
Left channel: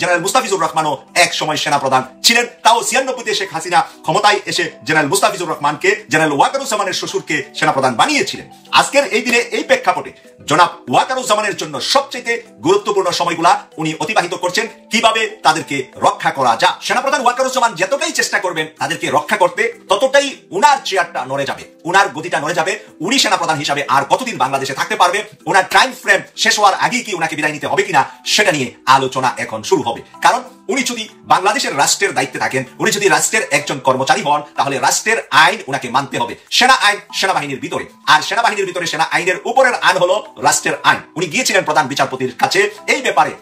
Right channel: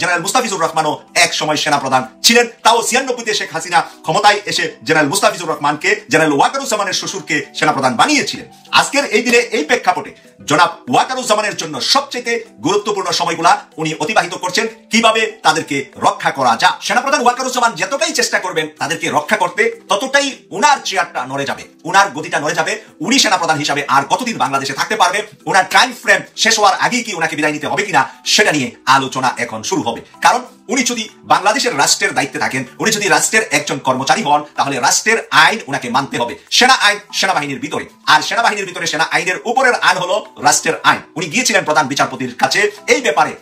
জেনারেল মুস্তাফিজুর রহমানও এক সময় সেনাপ্রধান ছিলেন। তাও 96-তে শেখ হাসিনা ক্ষমতায় এসে জেনারেল মুস্তাফিজুর রহমানকে, জেনারেল ওয়াকারুজ্জামানের শ্বশুরকে সেনাপ্রধান বানিয়েছিলেন। আজকের এই দিনে এই প্রেক্ষাপটে জনাব ওয়াকারুজ্জামানের জন্য সবচেয়ে গুরুত্বপূর্ণ সময়গুলা উনি অতিবাহিত করছেন কিভাবে তাদেরকে রক্ষা করা যায়। সেনাপ্রধান ওয়াকারুজ্জামান যতটাই চেষ্টা করবেন তাদেরকে রক্ষা করতে, ততটাই উনার চেয়ারটা নড়ে যাবে, উনার গতিটা নড়ে যাবে। উনি সেনাপ্রধান হিসাবে আর কতদিন বাংলাদেশে থাকতে পারবে? উনার টাইম ফ্রেম শেষ হওয়ার আগে কি উনাকে বিদায় নিতে হবে কিনা সেটা নিয়ে আলোচনা এখন শুরু হবে। কারণ উনি যদি বাংলাদেশের রাষ্ট্রের দায়িত্বে থাকেন, উনি যদি রাষ্ট্রের একজন কর্মচারী হন, তাহলে রাষ্ট্রের আইন উনাকে মানতে হবে। সেনা আইন সেনাবাহিনীর ভিতরে, আর সেনাবাহিনীর ভিতরে সেনা আইনের উপরের আইন হলো রাষ্ট্রের আইন। উনি গিয়েছিলেন প্রধান বিচারপতির কাছে এই ব্যাপারে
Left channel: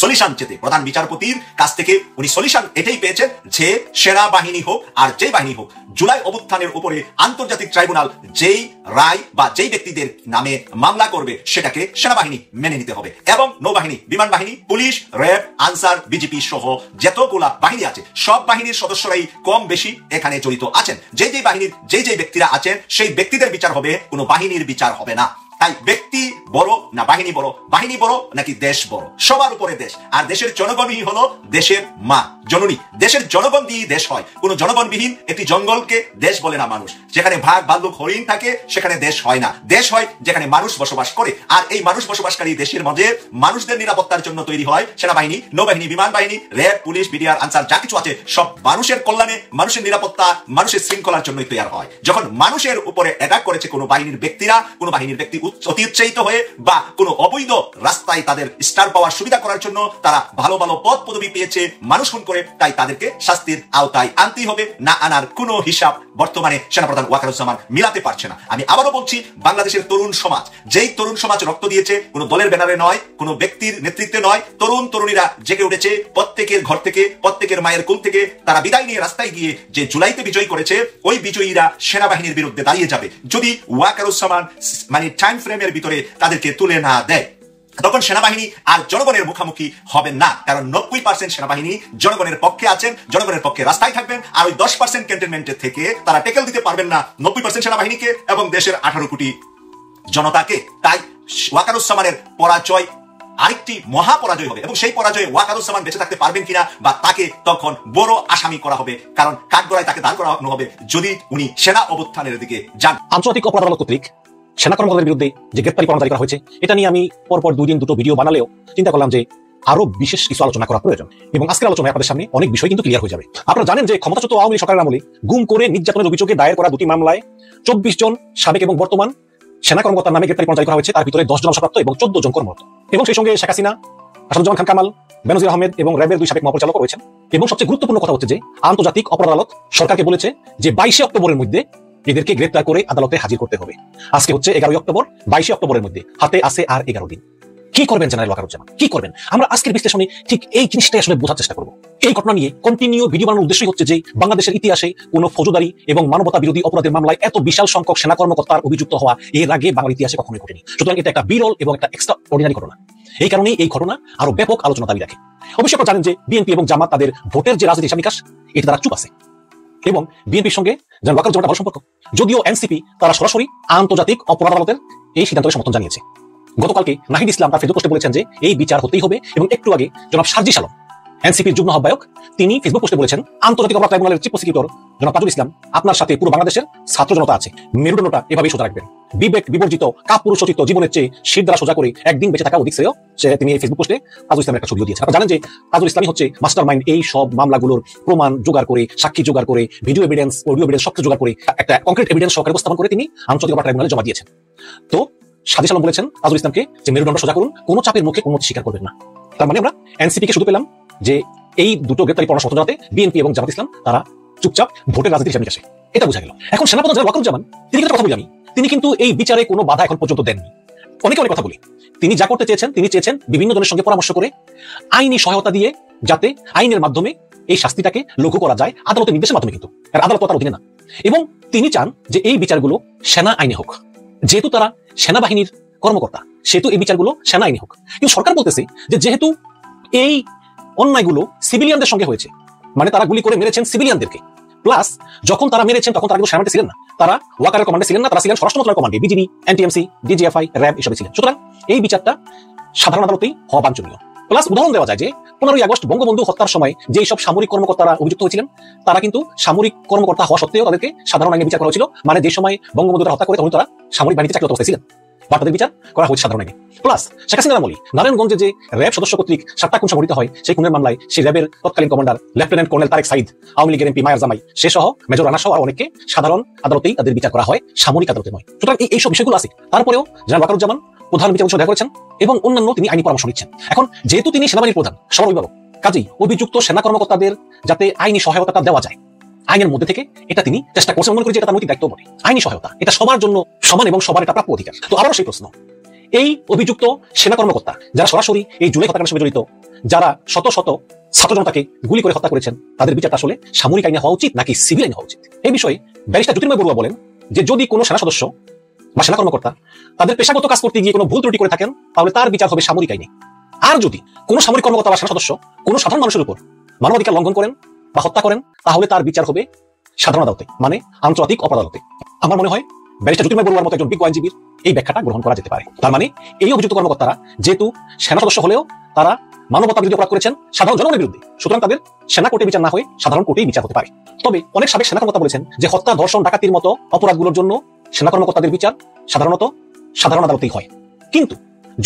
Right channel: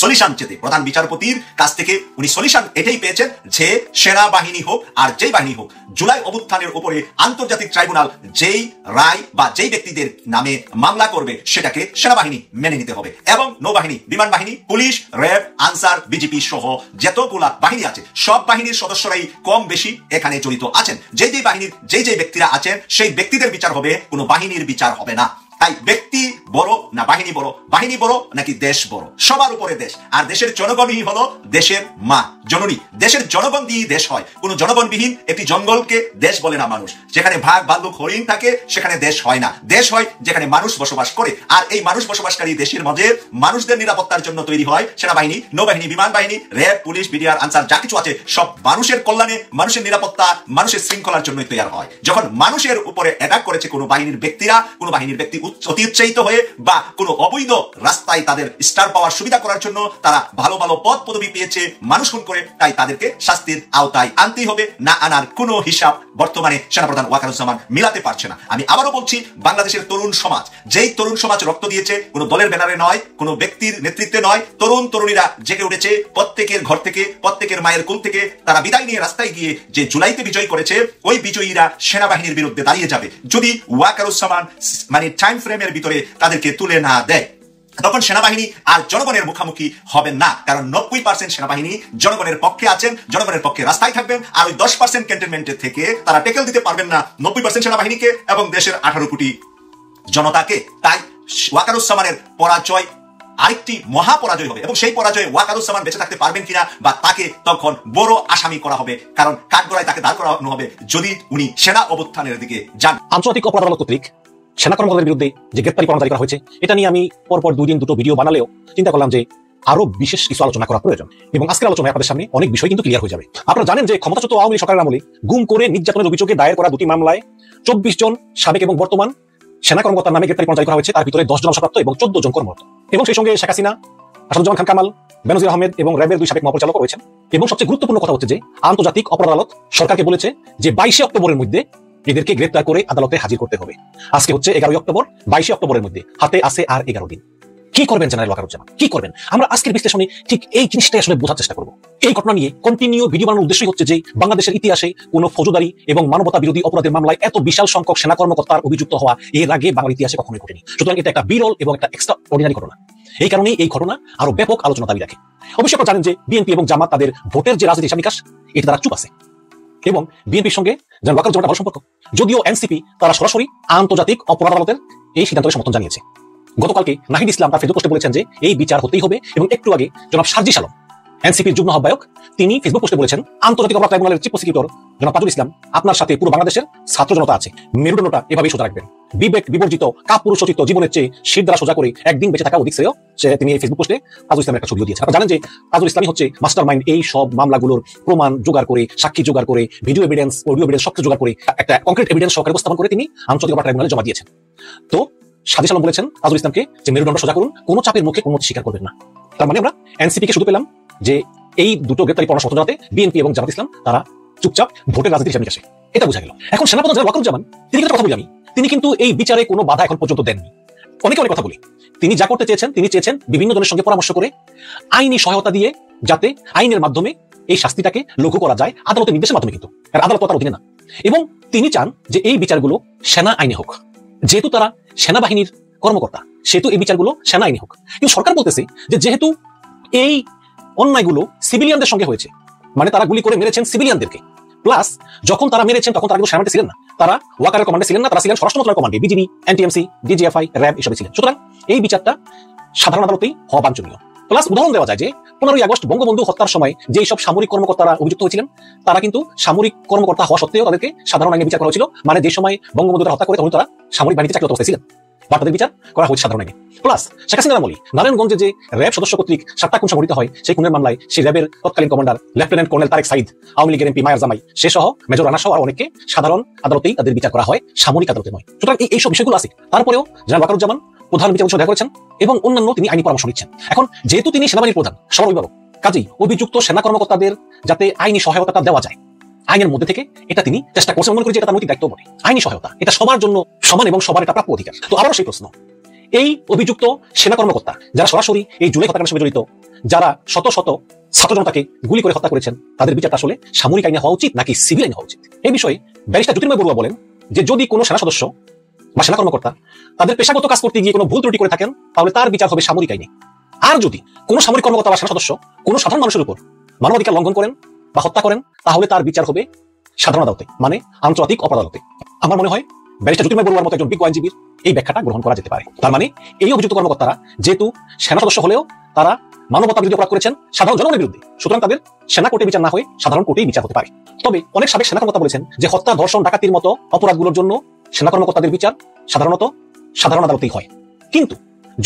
সলিউশন চেতে। প্রধান বিচারপতির কাছ থেকে উনি সলিউশন এটাই পেয়েছেন যে সেনাবাহিনী হোক আর যে বাহিনী হোক, জুলাই অভ্যুত্থানের উপরে আন্তর্জাতিক ট্রাইব্যুনাল যেই রায় বা যেই ব্যক্তিদের নামে মামলা করবে সেটাকে সেনাবাহিনী মেনে নিতে হবে। এবং নৌবাহিনী, বিমান বাহিনী, পুলিশ, র্যাব, আনসার, বিজেপি সহ যতগুলা বাহিনী আছে সব বাহিনীর সদস্যরাই কম বেশি এখানে জড়িত আছেন। যে বাহিনীর যে ব্যক্তিরা আছেন সেই ব্যক্তিদের বিচার হবে, কোনো বাহিনীর বিচার হবে না। তাই ব্যক্তি বড় না বাহিনী বড়, বাহিনী বড় নাকি দেশ বড়? সবার উপরে দেশ, আর দেশের জনগণই হলো দেশের মা, জননী। দেশের জনগণ দিয়ে দেশ হয়। কোন জনগণবিহীন একটি জঙ্গলকে দেশ বলে না মানুষ। যেখানে ভাগ বান্ধব হরিণ থাকে সেখানে দেশ হয় না। দেশ হয় যেখানে মানুষ বসবাস করে। আর এই মানুষ বসবাসকারী দেশের মধ্যে মানুষদের নিরাপত্তার জন্য তৈরি হয় সেনাবাহিনী, নৌবাহিনী, বিমান বাহিনী, র্যাব, পুলিশ, মিডিয়ার আনসার, যা কিছু আছে সব মানুষের কল্যাণে, মানুষের নিরাপত্তা, মানুষের শৃঙ্খলার জন্য তৈরি হয়। যখন মানুষের উপরে অ্যাটাক করেছে কোনো বাহিনীর ব্যক্তিরা, কোনো বাহিনীর ব্যক্তি অতি উৎসাহিত হয়ে বা কোনো অবৈধ রাস্তায় তাদের স্টার পাওয়ার সুবিধা করার জন্য তারা ভালো ভালো পদ পদবি পেয়েছে, মানুষ খুন করে, তাই তাদেরকে শাস্তির আওতায় আনতেই হবে। না আনার কোনো হিসাব বর্তমানে সেনাপ্রধান ওয়াকারুজ্জামান মিলাতে পারছে না। আমি আবারও বলছি, বাংলাদেশের তরুণ সমাজ, যেই তরুণ সমাজ রক্ত দিয়েছে, কোনো দলের ব্যানারে নয়, কোনো ব্যক্তির নেতৃত্বে নয়, তরুণ তরুণীরা জেগে উঠেছে প্রত্যেকের ঘর থেকে, প্রত্যেকের মায়ের কোল থেকে। তারা বিদায় নিয়ে রাস্তায় গিয়ে যে জুলাইতে বিজয় করেছে, ওই বিজয়ীরা সেনাবাহিনীর বিরুদ্ধে দাঁড়িয়ে যাবে যদি ওয়াকারুজ্জামান মানে টাইম ফ্রেমের ভিতরে তাদেরকে তুলে না দেয়। তখন সেনাবাহিনী আর জনগণের মুখোমুখি হবেন না, কারণ 90% সেনাবাহিনী জনগণের পক্ষে আছেন, জনগণের পক্ষে রাস্তায় থাকবেন। আর ওই 10% ক্যান্টনমেন্টের থেকে তারা টেকেল দিতে পারবেন না 90% সেনাবাহিনীকে এবং দেশের 18 কোটি জনতাকে। তাই ওয়াকারুজ্জামানের পরাজয় আরেকটি মহাপরাজয় হবে, এবং সেই পরাজয়ে ওয়াকারুজ্জামান বেঁচে থাকতে পারবেন কিনা বা তাকে তখন বড় আসামি করা হবে, কারণ কাঠগড়ায় তাকে দাঁড় করানো হবে যদি উনি সেনা অভ্যুত্থানের দিকে যান। আন্তর্জাতিক অপরাধ আদালত কর্তৃক সেনা কর্মকর্তাদের বিরুদ্ধে যে গ্রেপ্তারি পরোয়ানা জারি করা হয়েছে, এটা নিয়ে আমি পরপর 2 দিন 2টো ভিডিও বানালেও চিন্তা করলাম যে আরো বিশেষ কিছু আলোচনা করা প্রয়োজন, এবং আজকের আলোচনায় আপনাদের সামনে অনেক বিষয় কিন্তু ক্লিয়ার হয়ে যাবে। আপনারা জানেন যে ক্ষমতাচ্যুত আওয়ামী লীগ সরকারের আমলে গুম করে নির্যাতনের অভিযোগে দায়ের করা 2টি মামলায় 24 জন সাবেক এবং বর্তমান সেনা কর্মকর্তার নামে গ্রেপ্তারি পরোয়ানা জারি করা হয়েছে। তার ভিতরে 10 জন অবসরপ্রাপ্ত এবং 14 জন কর্মরত, এবং সেই সঙ্গে শেখ হাসিনা, আসাদুজ্জামান খান কামাল, বেনজির আহমেদ এবং র্যাবের 2 সাবেক মহাপরিচালক রয়েছেন। এবং সবচেয়ে গুরুত্বপূর্ণ কথা হচ্ছে যে আন্তর্জাতিক অপরাধ আদালত সরকারকে বলেছে যে 22 অক্টোবরের মধ্যে এদেরকে গ্রেপ্তার করে আদালতে হাজির করতে হবে। আজকে হচ্ছে 11 অক্টোবর, 22 অক্টোবরের মধ্যে হাতে আছে আর 11 দিন। কি করবেন জেনারেল ওয়াকারুজ্জামান, কি করবেন? আমরা আজকের বিশ্লেষণে ঠিক এই জিনিসটাই আসলে বোঝার চেষ্টা করব। এই ঘটনা নিয়ে কন্টিনিউ ভিডিও বানানোর উদ্দেশ্যই হচ্ছে যে বাংলাদেশের ইতিহাসে কোনো ফৌজদারি এবং মানবতা বিরোধী অপরাধের মামলায় এত বিশাল সংখ্যক সেনা কর্মকর্তার অভিযুক্ত হওয়া এর আগে বাংলার ইতিহাসে কখনোই ঘটেনি। সুতরাং এটা একটা বিরল এবং একটা এক্সট্রা অর্ডিনারি ঘটনা। এই কারণে এই ঘটনা আরো ব্যাপক আলোচনা দাবি রাখে। অবশ্যই আপনি জানেন যে বিএনপি এবং জামাত তাদের ভোটের যে রাজনীতি হিসাব নিকাশ, এটা তারা চুপ আছে, এবং বিএনপির সঙ্গে যারা ওয়াকারুজ্জামানের ভালো সম্পর্ক, যদিও এনসিপি তারা সরাসরি আন্তর্জাতিক অপরাধ আদালতের এই সিদ্ধান্তের সমর্থন জানিয়েছে। গতকালকে নাহিদ ইসলাম তার ফেসবুক পোস্টে বলেছেন যে এই বিচার হতেই হবে, এবং একটু আগে জনাব সার্জিস আলম, এনসিপির যুগ্ম আহ্বায়ক, তিনি ফেসবুক পোস্টে বলেছেন আন্তর্জাতিক অপরাধ ট্রাইব্যুনালের চিফ প্রসিকিউটর জনাব তাজুল ইসলাম আপনার সাথে পুরো বাংলাদেশের ছাত্র জনতা আছে, মেরুদণ্ডটা এভাবেই সোজা রাখবেন। বিবেক বিবর্জিত কাপুরুষোচিত জীবনের চেয়ে শীত দ্বারা সোজা করে একদিন বেঁচে থাকা অধিক শ্রেয়। তিনি এই ফেসবুক পোস্টে তাজুল ইসলামের একটা ছবিও দিয়েছেন। আপনারা জানেন যে তাজুল ইসলামই হচ্ছে মাস্টার মাইন্ড এই সব মামলাগুলোর প্রমাণ জোগাড় করে, সাক্ষী জোগাড় করে, ভিডিও এভিডেন্স, অডিও এভিডেন্স সব জোগাড় করে একটা কংক্রিট এভিডেন্স সহকারে উপস্থাপন করে তিনি আন্তর্জাতিক অপরাধ ট্রাইব্যুনালে জমা দিয়েছেন। তো সার্জিস আলম বলেছেন তাজুল ইসলামকে যে মেরুদণ্ড সোজা করুন, কোনো চাপের মুখে কোনো স্বীকার করবেন না। তার মানে আমরা এনসিপি কে শুধু পেলাম যে এই দুটো গ্রেপ্তারি পরোয়ানা সমর্থন জানাতে বিএনপি এবং জামাত ইসলাম তারা চুপচাপ ভোটের রাজনীতির হিসাব নিকাশে, এটা বোঝা গেল। এখন সেনাপ্রধান জেনারেল ওয়াকারুজ্জামান তিনি কিন্তু কথা বলি আমি, তিনি কিন্তু এই বিচারে কোনো বাধা এখন পর্যন্ত দেননি। অনেকে অনেক কথা বলি, তিনি যা করতে চেয়েছেন, তিনি চেয়েছেন বিভিন্ন জনের সঙ্গে পরামর্শ করে আইনি সহায়তা দিয়ে যাতে আইনের মাধ্যমে এই শাস্তিটাকে লঘু করা যায়, আদালতের নির্দেশের মাধ্যমে, কিন্তু আদালত তার অধীনে না। এবং তিনি চান যে এই বিচারগুলো সেনা আইনে হোক, যেহেতু তারা সেনাবাহিনীর কর্মকর্তা সেহেতু এই বিচারগুলো সেনা আইনে হোক। কিন্তু সরকার বলতেছে যে যেহেতু এই অন্যায়গুলো সিভিলিয়ানদের সঙ্গে হয়েছে, মানে তারা গুলি করে মেরেছেন সিভিলিয়ানদেরকে, প্লাস যখন তারা মেরেছেন তখন তারা সেনাবাহিনী ছিলেন না, তারা ওয়াকারের কমান্ডে ছিলেন না, তারা ছিলেন স্বরাষ্ট্র মন্ত্রণালয়ের কমান্ডে, বিজিবি, এনটিএমসি, ডিজিএফআই, র্যাব এসবে ছিলেন। সুতরাং এই বিচারটা সাধারণ আদালতেই হওয়া বাঞ্ছনীয়। প্লাস উদাহরণ দেওয়া যায় যে 15ই আগস্ট বঙ্গবন্ধু হত্যার সময় যে সব সামরিক কর্মকর্তারা অভিযুক্ত হয়েছিলেন, তারা কিন্তু সামরিক কর্মকর্তা হওয়া সত্ত্বেও তাদেরকে সাধারণ আইনে বিচার করা হয়েছিল। মানে যে সময় বঙ্গবন্ধুকে হত্যা করে তখন তারা সামরিক বাহিনীতে চাকরিরত অবস্থায় ছিলেন, বা তাদের বিচার করা হয়েছে সাধারণ আইনে। প্লাস শেখ হাসিনার আমলে নারায়ণগঞ্জে যে র্যাব সদস্য কর্তৃক 7টা খুন সংঘটিত হয়, সেই খুনের মামলায় সেই র্যাবের তৎকালীন commander lieutenant colonel Tarek Sayeed, Awami লীগের এমপি মায়ার জামাই, সে সহ মেজর রানা সহ আর অনেককে সাধারণ আদালতেই তাদের বিচার করা হয়, সামরিক আদালতে নয়। সুতরাং এইসব বিষয়গুলো আছে। তারপরেও জেনারেল ওয়াকারুজ্জামান প্রধান বিচারপতি দেখা করেছেন এবং অন্যান্য তিনি আইনি পরামর্শ দিচ্ছেন। এখন যেহেতু তিনি সেনাবাহিনীর প্রধান সামরিক, কাজেই অভিযুক্ত সেনা কর্মকর্তাদের যাতে আইনি সহায়তাটা দেওয়া যায় আইনের মধ্যে থেকে, এটা তিনি চেষ্টা করছেন। মনে করি যে এটা তার নৈতিক দায়িত্ব বটে। আইনি সহায়তা এটা সবার জন্য সমান এবং সবার এটা প্রাপ্য অধিকার। তো আবারও সেই প্রশ্ন, এই অভিযুক্ত সেনা কর্মকর্তা যারা সরাসরি এই জুলাই হত্যাকাণ্ডের সঙ্গে জড়িত, যারা শত শত ছাত্র জনতাকে গুলি করে হত্যা করেছেন, তাদের বিচারটা আসলে সামরিক আইনে হওয়া উচিত নাকি সিভিল আইনে হওয়া উচিত? এই বিষয়ে ব্যারিস্টার জ্যোতির্ময় বড়ুয়া বলেন যে যদি কোনো সেনা সদস্য বা সেনা কর্মকর্তা তাদের পেশাগত কাজ করতে গিয়ে কোনো ভুল ত্রুটি করে থাকেন, তাহলে তার বিচার হবে সামরিক আইনে। আর যদি কোনো সামরিক কর্মকর্তা বা সেনা সদস্য কোনো সাধারণ মানুষের উপর মানবাধিকার লঙ্ঘন করেন বা হত্যা করেন, তাহলে তার বিচার হবে সাধারণ আদালতে, মানে আন্তর্জাতিক অপরাধ আদালতে। আমার মনে হয় ব্যারিস্টার জ্যোতির্ময় বড়ুয়ার মতো একজন বিজ্ঞ আইনজীবীর এই ব্যাখ্যাটা গ্রহণ করা যেতে পারে। তার মানে এই অভিযুক্ত কর্মকর্তারা যেহেতু সেনা সদস্য হলেও তারা মানবতা বিরোধী অপরাধ করেছেন সাধারণ জনগণের বিরুদ্ধে, সুতরাং তাদের সেনা কোর্টে বিচার না হয়ে সাধারণ কোর্টে বিচার হতে পারে। তবে অনেক সাবেক সেনা কর্মকর্তা বলেছেন যে হত্যা, ধর্ষণ, ডাকাতির মতো অপরাধগুলোর জন্য সেনা কর্মকর্তাদের বিচার সাধারণত সাধারণ আদালতেই হয়। কিন্তু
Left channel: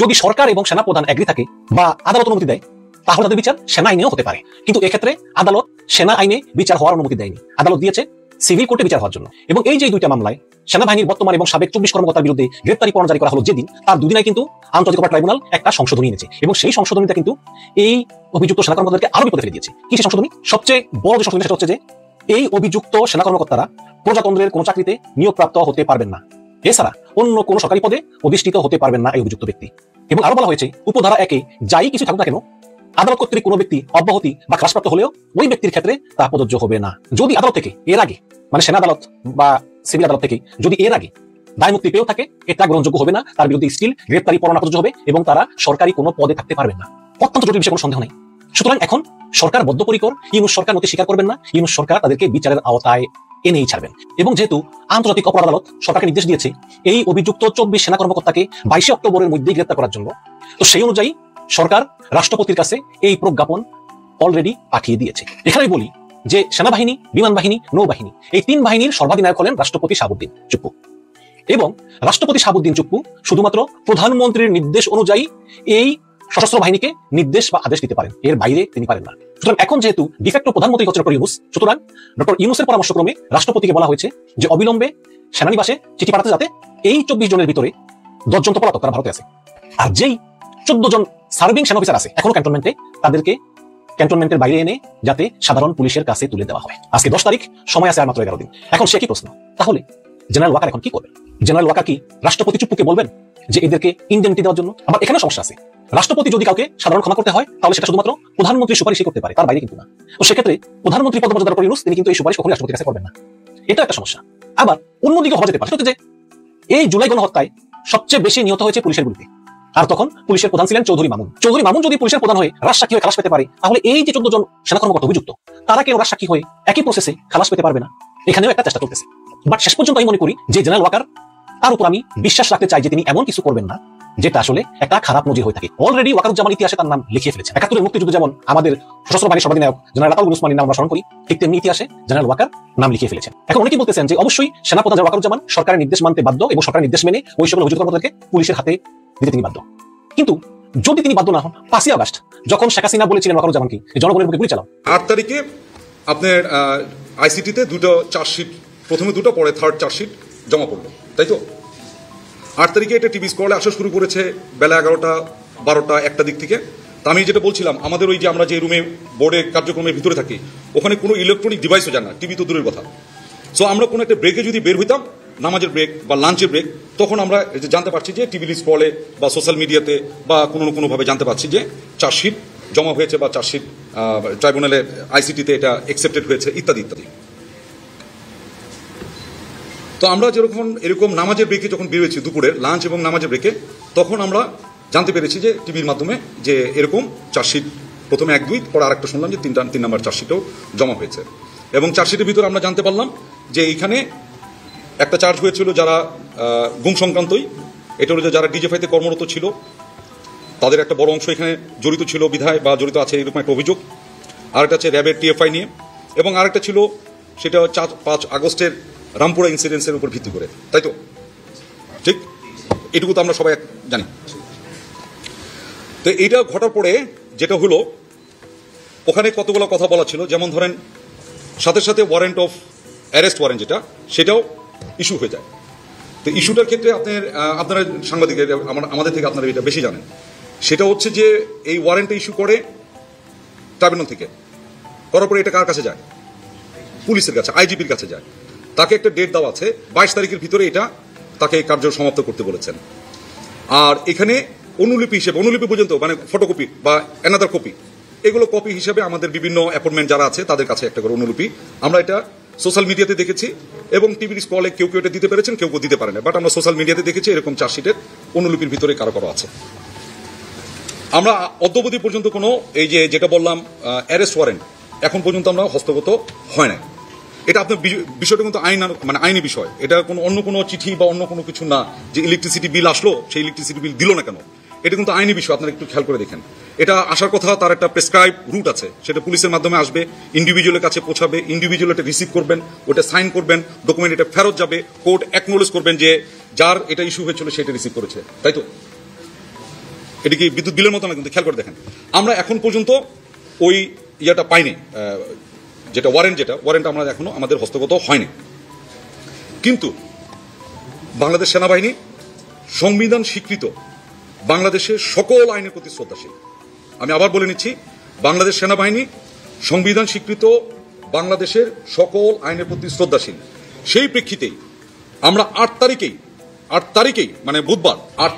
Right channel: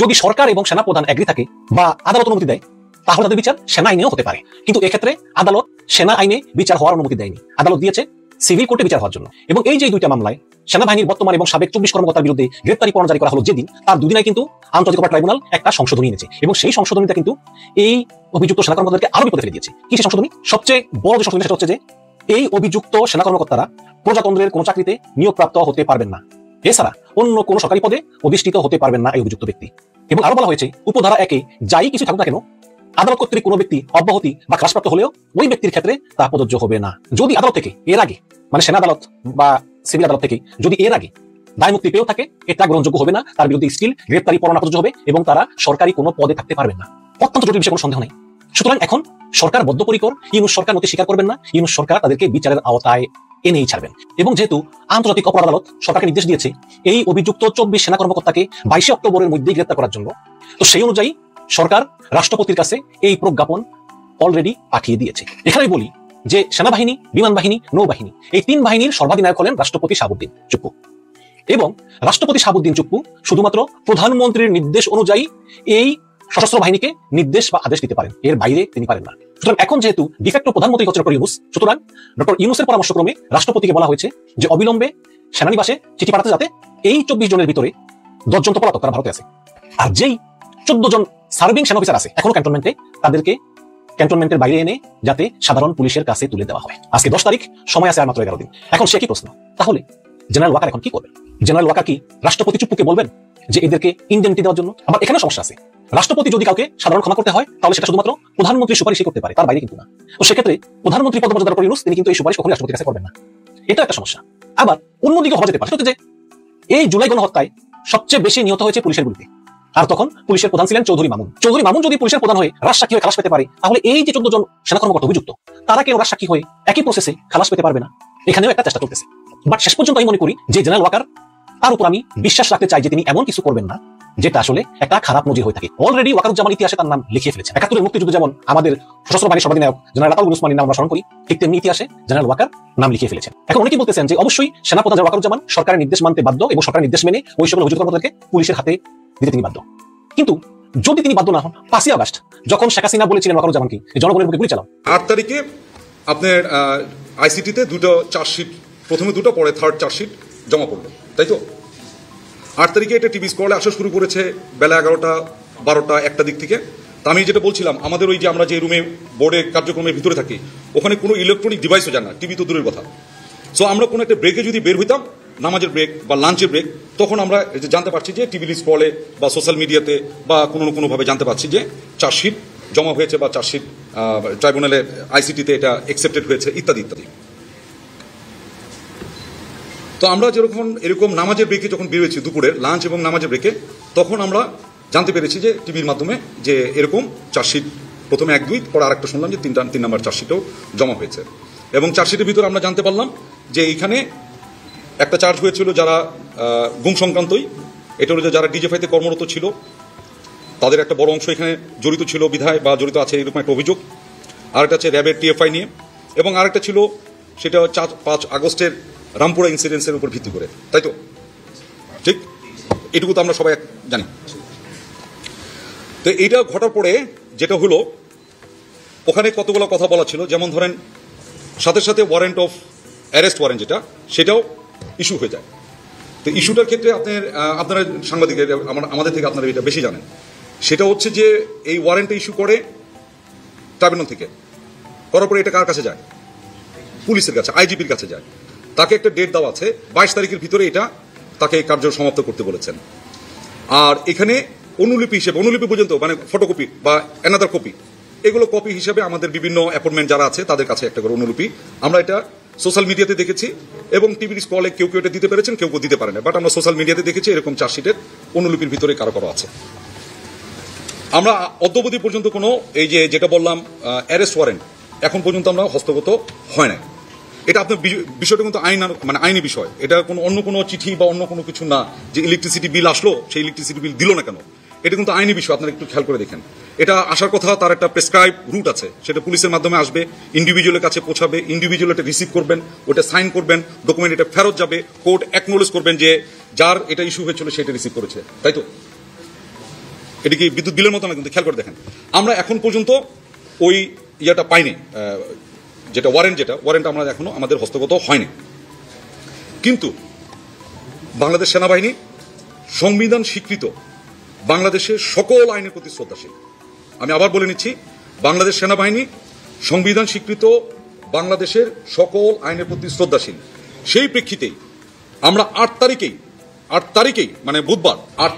যদি সরকার এবং সেনা প্রধান এগ্রি থাকে বা আদালত অনুমতি দেয় তাহলে তাদের বিচার সেনা আইনেও হতে পারে। কিন্তু এক্ষেত্রে আদালত সেনা আইনে বিচার হওয়ার অনুমতি দেয়নি, আদালত দিয়েছে সিভিল কোর্টে বিচার হওয়ার জন্য। এবং এই যে দুইটা মামলায় সেনাবাহিনীর বর্তমান এবং সাবেক 24 কর্মকর্তার বিরুদ্ধে গ্রেফতারি পরোয়ানা জারি করা হলো যেদিন, তার দুদিনে কিন্তু আন্তর্জাতিক অপরাধ ট্রাইব্যুনাল একটা সংশোধনী এনেছে এবং সেই সংশোধনীটা কিন্তু এই অভিযুক্ত সেনা কর্মকর্তাদেরকে আরো বিপদে ফেলে দিয়েছে। কিছু সংশোধনী, সবচেয়ে বড় যে সংশোধনী সেটা হচ্ছে যে এই অভিযুক্ত সেনা কর্মকর্তারা প্রজাতন্ত্রের কোন চাকরিতে নিয়োগপ্রাপ্ত হতে পারবেন না, এছাড়া অন্য কোন সরকারি পদে অধিষ্ঠিত হতে পারবেন না এই অভিযুক্ত ব্যক্তি। এবং আরো বলা হয়েছে উপধারা 1 এ যাই কিছু থাকুক না কেন আদালত কর্তৃক কোনো ব্যক্তি অব্যাহতি বা হ্রাসপ্রাপ্ত হলেও ওই ব্যক্তির ক্ষেত্রে তা প্রযোজ্য হবে না। যদি আদালত থেকে এর আগে, মানে সেনা আদালত বা সিভিল আদালত থেকে যদি এর আগে দায় মুক্তি পেয়েও থাকে, এটা গ্রহণযোগ্য হবে না, তার বিরুদ্ধে স্টিল গ্রেফতারি পরোয়ানা প্রযোজ্য হবে এবং তারা সরকারি কোনো পদে থাকতে পারবেন না। অত্যন্ত জটিল বিষয়ে কোনো সন্দেহ নেই। সুতরাং এখন সরকার বদ্ধপরিকর, ইউনূস সরকার নথি স্বীকার করবেন না, ইউনূস সরকার তাদেরকে বিচারের আওতায় এনেই ছাড়বেন। এবং যেহেতু আন্তর্জাতিক অপরাধ আদালত সরকারকে নির্দেশ দিয়েছে এই অভিযুক্ত 24 সেনা কর্মকর্তাকে 22 অক্টোবরের মধ্যে গ্রেফতার করার জন্য, তো সেই অনুযায়ী সরকার রাষ্ট্রপতির কাছে এই প্রজ্ঞাপন অলরেডি পাঠিয়ে দিয়েছে। এখানে বলি যে সেনাবাহিনী, বিমান বাহিনী, নৌবাহিনী এই 3 বাহিনীর সর্বাধিনায়ক হলেন রাষ্ট্রপতি শাহাবুদ্দিন চুপ্পু এবং রাষ্ট্রপতি শাহাবুদ্দিন চুপ্পু শুধুমাত্র প্রধানমন্ত্রীর নির্দেশ অনুযায়ী এই সশস্ত্র বাহিনীকে নির্দেশ বা আদেশ দিতে পারেন, এর বাইরে তিনি পারেন না। সুতরাং এখন যেহেতু ডিফেক্টো প্রধানমন্ত্রী হচ্ছেন ডক্টর ইউনূস, সুতরাং ডক্টর ইউনূসের পরামর্শক্রমে রাষ্ট্রপতিকে বলা হয়েছে যে অবিলম্বে সেনানিবাসে চিঠি পাঠাতে, যাতে এই 24 জনের ভিতরে 10 জন তো পলাতক, তারা ভারতে আছে, আর যেই 14 জন সার্ভিং সেনা অফিসার আছে এখনো ক্যান্টনমেন্টে, তাদেরকে ক্যান্টনমেন্টের বাইরে এনে যাতে সাধারণ পুলিশের কাছে তুলে দেওয়া হয়। আজকে 10 তারিখ, সময় আছে আর মাত্র 11 দিন। এখন সে কি প্রশ্ন, তাহলে জেনারেল ওয়াকার এখন কি করবেন? জেনারেল ওয়াকার কি রাষ্ট্রপতি চুপ্পুকে বলবেন যে এদেরকে ইন্ডেমনিটি দেওয়ার জন্য? আবার এখানে সমস্যা আছে, রাষ্ট্রপতি যদি কাউকে সাধারণ ক্ষমা করতে হয় তাহলে সেটা শুধুমাত্র প্রধানমন্ত্রীর সুপারিশই করতে পারে, তার বাইরে কিন্তু না। তো সেক্ষেত্রে প্রধানমন্ত্রী পদমর্যাদার ডক্টর ইউনূস তিনি কিন্তু এই সুপারিশ কখনোই রাষ্ট্রপতির কাছে করবেন না, এটা একটা সমস্যা। আবার অন্যদিকে হওয়া যেতে পারে যে এই জুলাই গণহত্যায় সবচেয়ে বেশি নিহত হয়েছে পুলিশের গুলিতে, আর তখন পুলিশের প্রধান ছিলেন চৌধুরী মামুন। চৌধুরী মামুন যদি পুলিশের প্রধান হয়ে রাজসাক্ষী হয়ে খালাস পেতে পারে, তাহলে এই যে 14 জন সেনা কর্মকর্তা অভিযুক্ত তারা কেউ রাজসাক্ষী হয়ে একই প্রসেসে খালাস পেতে পারবে না। এখানেও একটা চেষ্টা করতেছে, বাট শেষ পর্যন্ত আমি মনে করি যে জেনারেল ওয়াকার, তার উপর আমি বিশ্বাস রাখতে চাই যে তিনি এমন কিছু করবেন না যেটা আসলে একটা খারাপ নজির হয়ে থাকে। অলরেডি ওয়াকারুজ্জামান ইতিহাসে তার নাম লিখে ফেলেছেন। 71 মুক্তিযুদ্ধে যেমন আমাদের সশস্ত্র বাহিনীর সর্বাধিনায়ক জেনারেল আতাউল উসমানীর নাম আমরা স্মরণ করি, ঠিক তেমনি ইতিহাসে জেনারেল ওয়াকার নাম লিখে ফেলেছেন। এখন অনেকেই বলতেছেন যে অবশ্যই সেনাপ্রধান জেনারেল ওয়াকারুজ্জামান সরকারের নির্দেশ মানতে বাধ্য এবং সরকারের নির্দেশ মেনে ওই সকল অভিযুক্ত কর্মকর্তাদেরকে পুলিশের হাতে দিতে তিনি বাধ্য। কিন্তু যদি তিনি বাধ্য না হন, 5 আগস্ট যখন শেখ হাসিনা বলেছিলেন ওয়াকারুজ্জামানকে জনগণের বুকে গুলি চালাও, 8 তারিখে আপনার আইসিটিতে 2টো চার্জশিট, প্রথমে 2টো পরে 3rd চার্জশিট জমা পড়লো, তাই তো? 8 তারিখে এটা টিভি স্ক্রলে আসা শুরু করেছে বেলা 11টা, 12টা, 1টা দিক থেকে। তা আমি যেটা বলছিলাম, আমাদের ওই যে আমরা যে রুমে বোর্ডে কার্যক্রমের ভিতরে থাকি ওখানে কোনো ইলেকট্রনিক ডিভাইসও যায় না, টিভি তো দূরের কথা। সো আমরা কোনো একটা ব্রেকে যদি বের হইতাম, নামাজের ব্রেক বা লাঞ্চের ব্রেক, তখন আমরা জানতে পারছি যে টিভি স্ক্রলে বা সোশ্যাল মিডিয়াতে বা কোনোভাবে জানতে পারছি যে চার্জশিট জমা হয়েছে বা চার্জশিট ট্রাইব্যুনালে আইসিটিতে এটা অ্যাকসেপ্টেড হয়েছে ইত্যাদি ইত্যাদি। তো আমরা এরকম নামাজের ব্রেকে যখন বেরোয়েছি, দুপুরের লাঞ্চ এবং নামাজের ব্রেকে, তখন আমরা জানতে পেরেছি যে টিভির মাধ্যমে যে এরকম চার্জশিট প্রথমে 1, 2, পরে আরেকটা শুনলাম যে 3 নম্বর চার্জশিটও জমা হয়েছে। এবং চার্জশিটের ভিতরে আমরা জানতে পারলাম যে এইখানে একটা চার্জ হয়েছিল যারা গুম সংক্রান্তই, এটা হলো যে যারা ডিজিএফআইতে কর্মরত ছিল তাদের একটা বড় অংশ এখানে জড়িত ছিল বিধায় বা জড়িত আছে এরকম একটা অভিযোগ। আরেকটা আছে র্যাবের টিএফআই নিয়ে, এবং আরেকটা ছিল সেটা 5 আগস্টের রামপুরা ইনসিডেন্সের উপর ভিত্তি করে, তাই তো? ঠিক, এটুকু তো আমরা সবাই জানি। তো এইটা ঘটার পরে যেটা হলো, ওখানে কতগুলো কথা বলা ছিল, যেমন ধরেন সাথে সাথে ওয়ারেন্ট অফ অ্যারেস্ট ওয়ারেন্ট যেটা, সেটাও ইস্যু হয়ে যায়। তো ইস্যুটার ক্ষেত্রে আপনারা সাংবাদিক আমাদের থেকে আপনারা এটা বেশি জানেন। সেটা হচ্ছে যে এই ওয়ারেন্টটা ইস্যু করে ট্রাইব্যুনাল থেকে, করার পরে এটা কার কাছে যায়? পুলিশের কাছে, আইজিপির কাছে যায়। তাকে একটা ডেট দেওয়া আছে, 22 তারিখের ভিতরে এটা তাকে কার্য সমাপ্ত করতে বলেছেন। আর এখানে অনুলিপি হিসেবে, অনুলিপি পর্যন্ত মানে ফটোকপি বা অ্যানাদার কপি, এগুলো কপি হিসেবে আমাদের বিভিন্ন অ্যাপয়েন্টমেন্ট যারা আছে তাদের কাছে একটা করে অনুলিপি, আমরা এটা সোশ্যাল মিডিয়াতে দেখেছি এবং টিভির স্ক্রলে কেউ এটা দিতে পেরেছেন, কেউ দিতে পারে না, বাট আমরা সোশ্যাল মিডিয়াতে দেখেছি এরকম চার্জশিটের অনুলিপির ভিতরে কারো কারো আছে। আমরা অদ্যাবধি পর্যন্ত কোনো এই যেটা বললাম অ্যারেস্ট ওয়ারেন্ট এখন পর্যন্ত আমরা হস্তগত হয় না। এটা আপনার বিষয়টা কিন্তু মানে আইনি বিষয়, এটা কোনো অন্য কোনো চিঠি বা অন্য কোনো কিছু না যে ইলেকট্রিসিটি বিল আসলো সেই ইলেকট্রিসিটি বিল দিল না কেন, এটা কিন্তু আইনি বিষয়। আপনারা একটু খেয়াল করে দেখেন, এটা আসার কথা তার একটা প্রেসক্রাইব রুট আছে, সেটা পুলিশের মাধ্যমে আসবে, ইন্ডিভিজুয়ালের কাছে পৌঁছাবে, ইন্ডিভিজুয়াল এটা রিসিভ করবেন, ওটা সাইন করবেন, ডকুমেন্ট এটা ফেরত যাবে, কোর্ট অ্যাকনোলেজ করবেন যে যার এটা ইস্যু হয়েছিল সেটা রিসিভ করেছে, তাই তো? এটা কি বিদ্যুৎ বিলের মতো না? কিন্তু খেয়াল করে দেখেন, আমরা এখন পর্যন্ত ওই ইয়েটা পাইনি, যেটা ওয়ারেন্ট আমরা এখনো আমাদের হস্তগত হয়নি। কিন্তু বাংলাদেশ সেনাবাহিনী সংবিধান স্বীকৃত বাংলাদেশের সকল আইনের প্রতি শ্রদ্ধাশীল। আমি আবার বলে নিচ্ছি, বাংলাদেশ সেনাবাহিনী সংবিধান স্বীকৃত বাংলাদেশের সকল আইনের প্রতি শ্রদ্ধাশীল। সেই প্রেক্ষিতেই আমরা 8 তারিখেই মানে বুধবার 8